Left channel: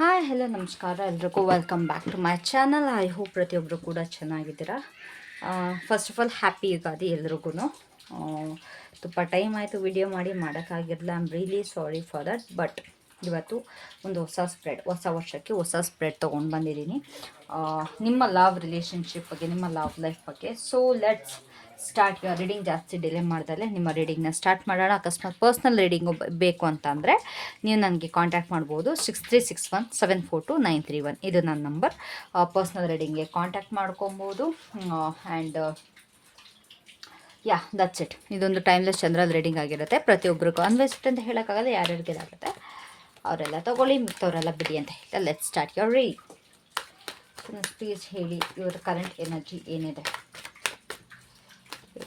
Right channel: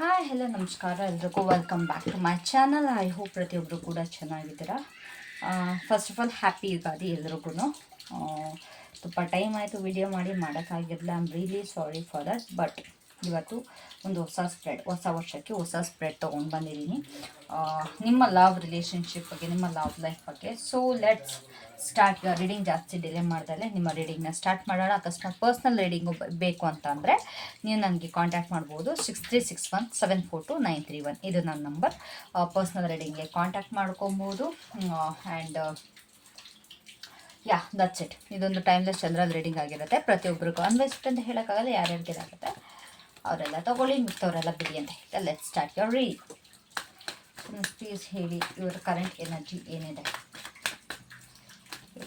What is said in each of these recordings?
Hi hello ನಮಸ್ಕಾರ. ಎಲ್ರಿಗೂ welcome back to my channel I hope ಪ್ರತಿಯೊಬ್ಬರು ಕೂಡ ಚೆನ್ನಾಗಿದ್ದೀರಾ? First of all happy Ugadi ಎಲ್ರಿಗೂ ತುಂಬ ಟೈಮ್ ಆಯಿತು ವಿಡಿಯೋ ಮಾಡಿ, ಮಾಡೋಕ್ಕಾಗಿರಲಿಲ್ಲ. I'm really sorry for that but ಇವತ್ತು ಒಂದು ಹೊಸ ಸ್ಪ್ರೆಡ್ ಹೊಸ ವರ್ಷಕ್ಕೆ ಹೊಸ ಸ್ಪ್ರೆಡ್ ತೊಗೊಂಡು ಬಂದಿದ್ದೀನಿ. ನಿಮ್ಮ ಲವ್ ರಿಲೇಷನ್ಶಿಪ್ ಬಗ್ಗೆ, ನಿಮ್ಮ ಲವ್ ಲೈಫ್ ಬಗ್ಗೆ. ಸೊ ಲೆಟ್ಸ್ ಸ್ಟಾರ್ಟ್ ರೀಡಿಂಗ್ ಜಾಸ್ತಿ ಡಿಲೇ ಮಾಡ್ದಲೆ ನಿಮ್ಮ ರೀಡಿಂಗ್ನ ಸ್ಟಾರ್ಟ್ ಮಾಡೋಣ. ಅಕಸ್ಮಾತ್ ಪರ್ಸ್ನಲ್ ರೀಡಿಂಗ್ ಬೇಕು ಅಂತಂದರೆ ನೀವು ನನಗೆ ಕಾಂಟ್ಯಾಕ್ಟ್ ಮಾಡ್ಬೋದು. Six three six one seven four two nine three one ಇದು ನನ್ನ ನಂಬರ್ ಪರ್ಸ್ನಲ್ ರೀಡಿಂಗ್ಗೆ ಕಾಂಟ್ಯಾಕ್ಟ್ ಮಾಡ್ಕೊಬೋದು. ಆ್ಯಂಡ್ ಯಾ ದಟ್ಸ್ ಇಟ್ ಇದೊಂದು ಟೈಮ್ಲೆಸ್ ಚಂದ್ರಲ್ ರೀಡಿಂಗ್ ಆಗಿರುತ್ತೆ. ಪ್ರತಿಯೊಬ್ಬರಿಗೂ ಅನ್ವೇಸ್ಟ್ ಅಂತ ಹೇಳೋಕ್ಕಾಗಲ್ಲ, ಯಾರ್ಯಾರಿಗೆ ಇದಾಗುತ್ತೆ ಅವರೆಲ್ಲ ತಗೊಳ್ಳಿ, ಮಿಕ್ಕವರೆಲ್ಲ ಬಿಡಿ ಅಂತ ಹೇಳಿ let start your reading please ಹೇಳಿ, ಇವರ ಕರೆಂಟ್ ಎನರ್ಜಿ ಏನಿದೆ?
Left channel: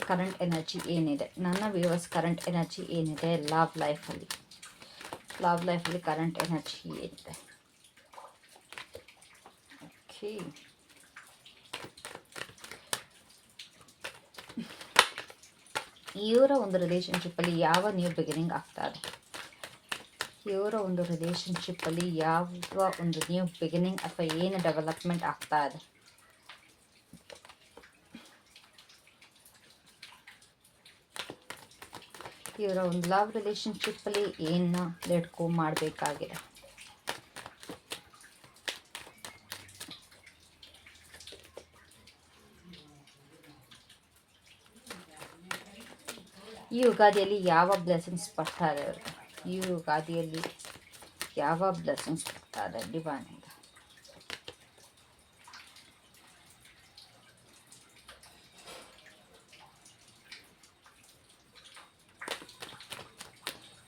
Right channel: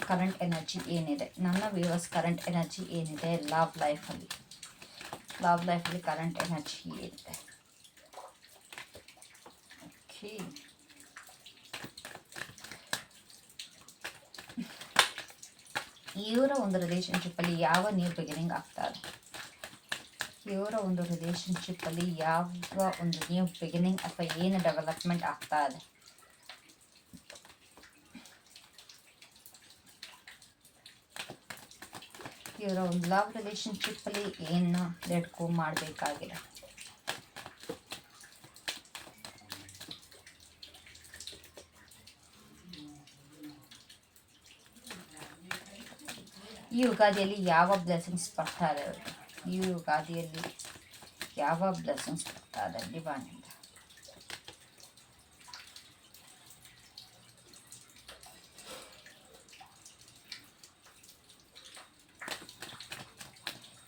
ಕರೆಂಟ್ ಎನರ್ಜಿ ಏನಿದೆ ನನ್ನ ವ್ಯೂವರ್ಸ್ ಕರೆಂಟ್ ಎನರ್ಜಿ ಏನಿದೆ ಲವ್ ಲೈಫಲ್ಲಿ ಲವ್ ಲೈಫಲ್ಲಿ ಕರೆಂಟ್ ಎನರ್ಜಿ ಏನಿದೆ ಓಕೆ ಇವರ ಒಂದು ರಿಲೇಷನ್ಶಿಪ್ಪಲ್ಲಿ ಯಾವ ನ್ಯೂ ಬಿಗಿನಿಂಗ್ ಆಗ್ತಾ ಇದೆ ಇವರ ಒಂದು ರಿಲೇಷನ್ಶಿಪ್ಪಲ್ಲಿ ಯಾವ ಒಂದು ನ್ಯೂ ಬಿಗಿನಿಂಗ್ ಅಥವಾ ಏನು ಡೆವಲಪ್ಮೆಂಟ್ ಆಗ್ತಾ ಇದೆ ಇವರ ಒಂದು ಲವ್ ರಿಲೇಷನ್ಶಿಪ್ಪಲ್ಲಿ ಏನು ಲೆಡ್ಕೋ ಮಾಡಬೇಕಾಗಿದೆ? ಈ ಯುಗಾದಿಯಲ್ಲಿ ಯಾವ ಬ್ಲೆಸಿಂಗ್ಸ್ ಬರ್ತಾ ಇದೆ ಈ ಯುಗಾದಿಯಲ್ಲಿ ಯಾವ ಬ್ಲೆಸಿಂಗ್ಸ್ ಬರ್ತಾ ಇದೆ ಡಿವೈನಿಂದ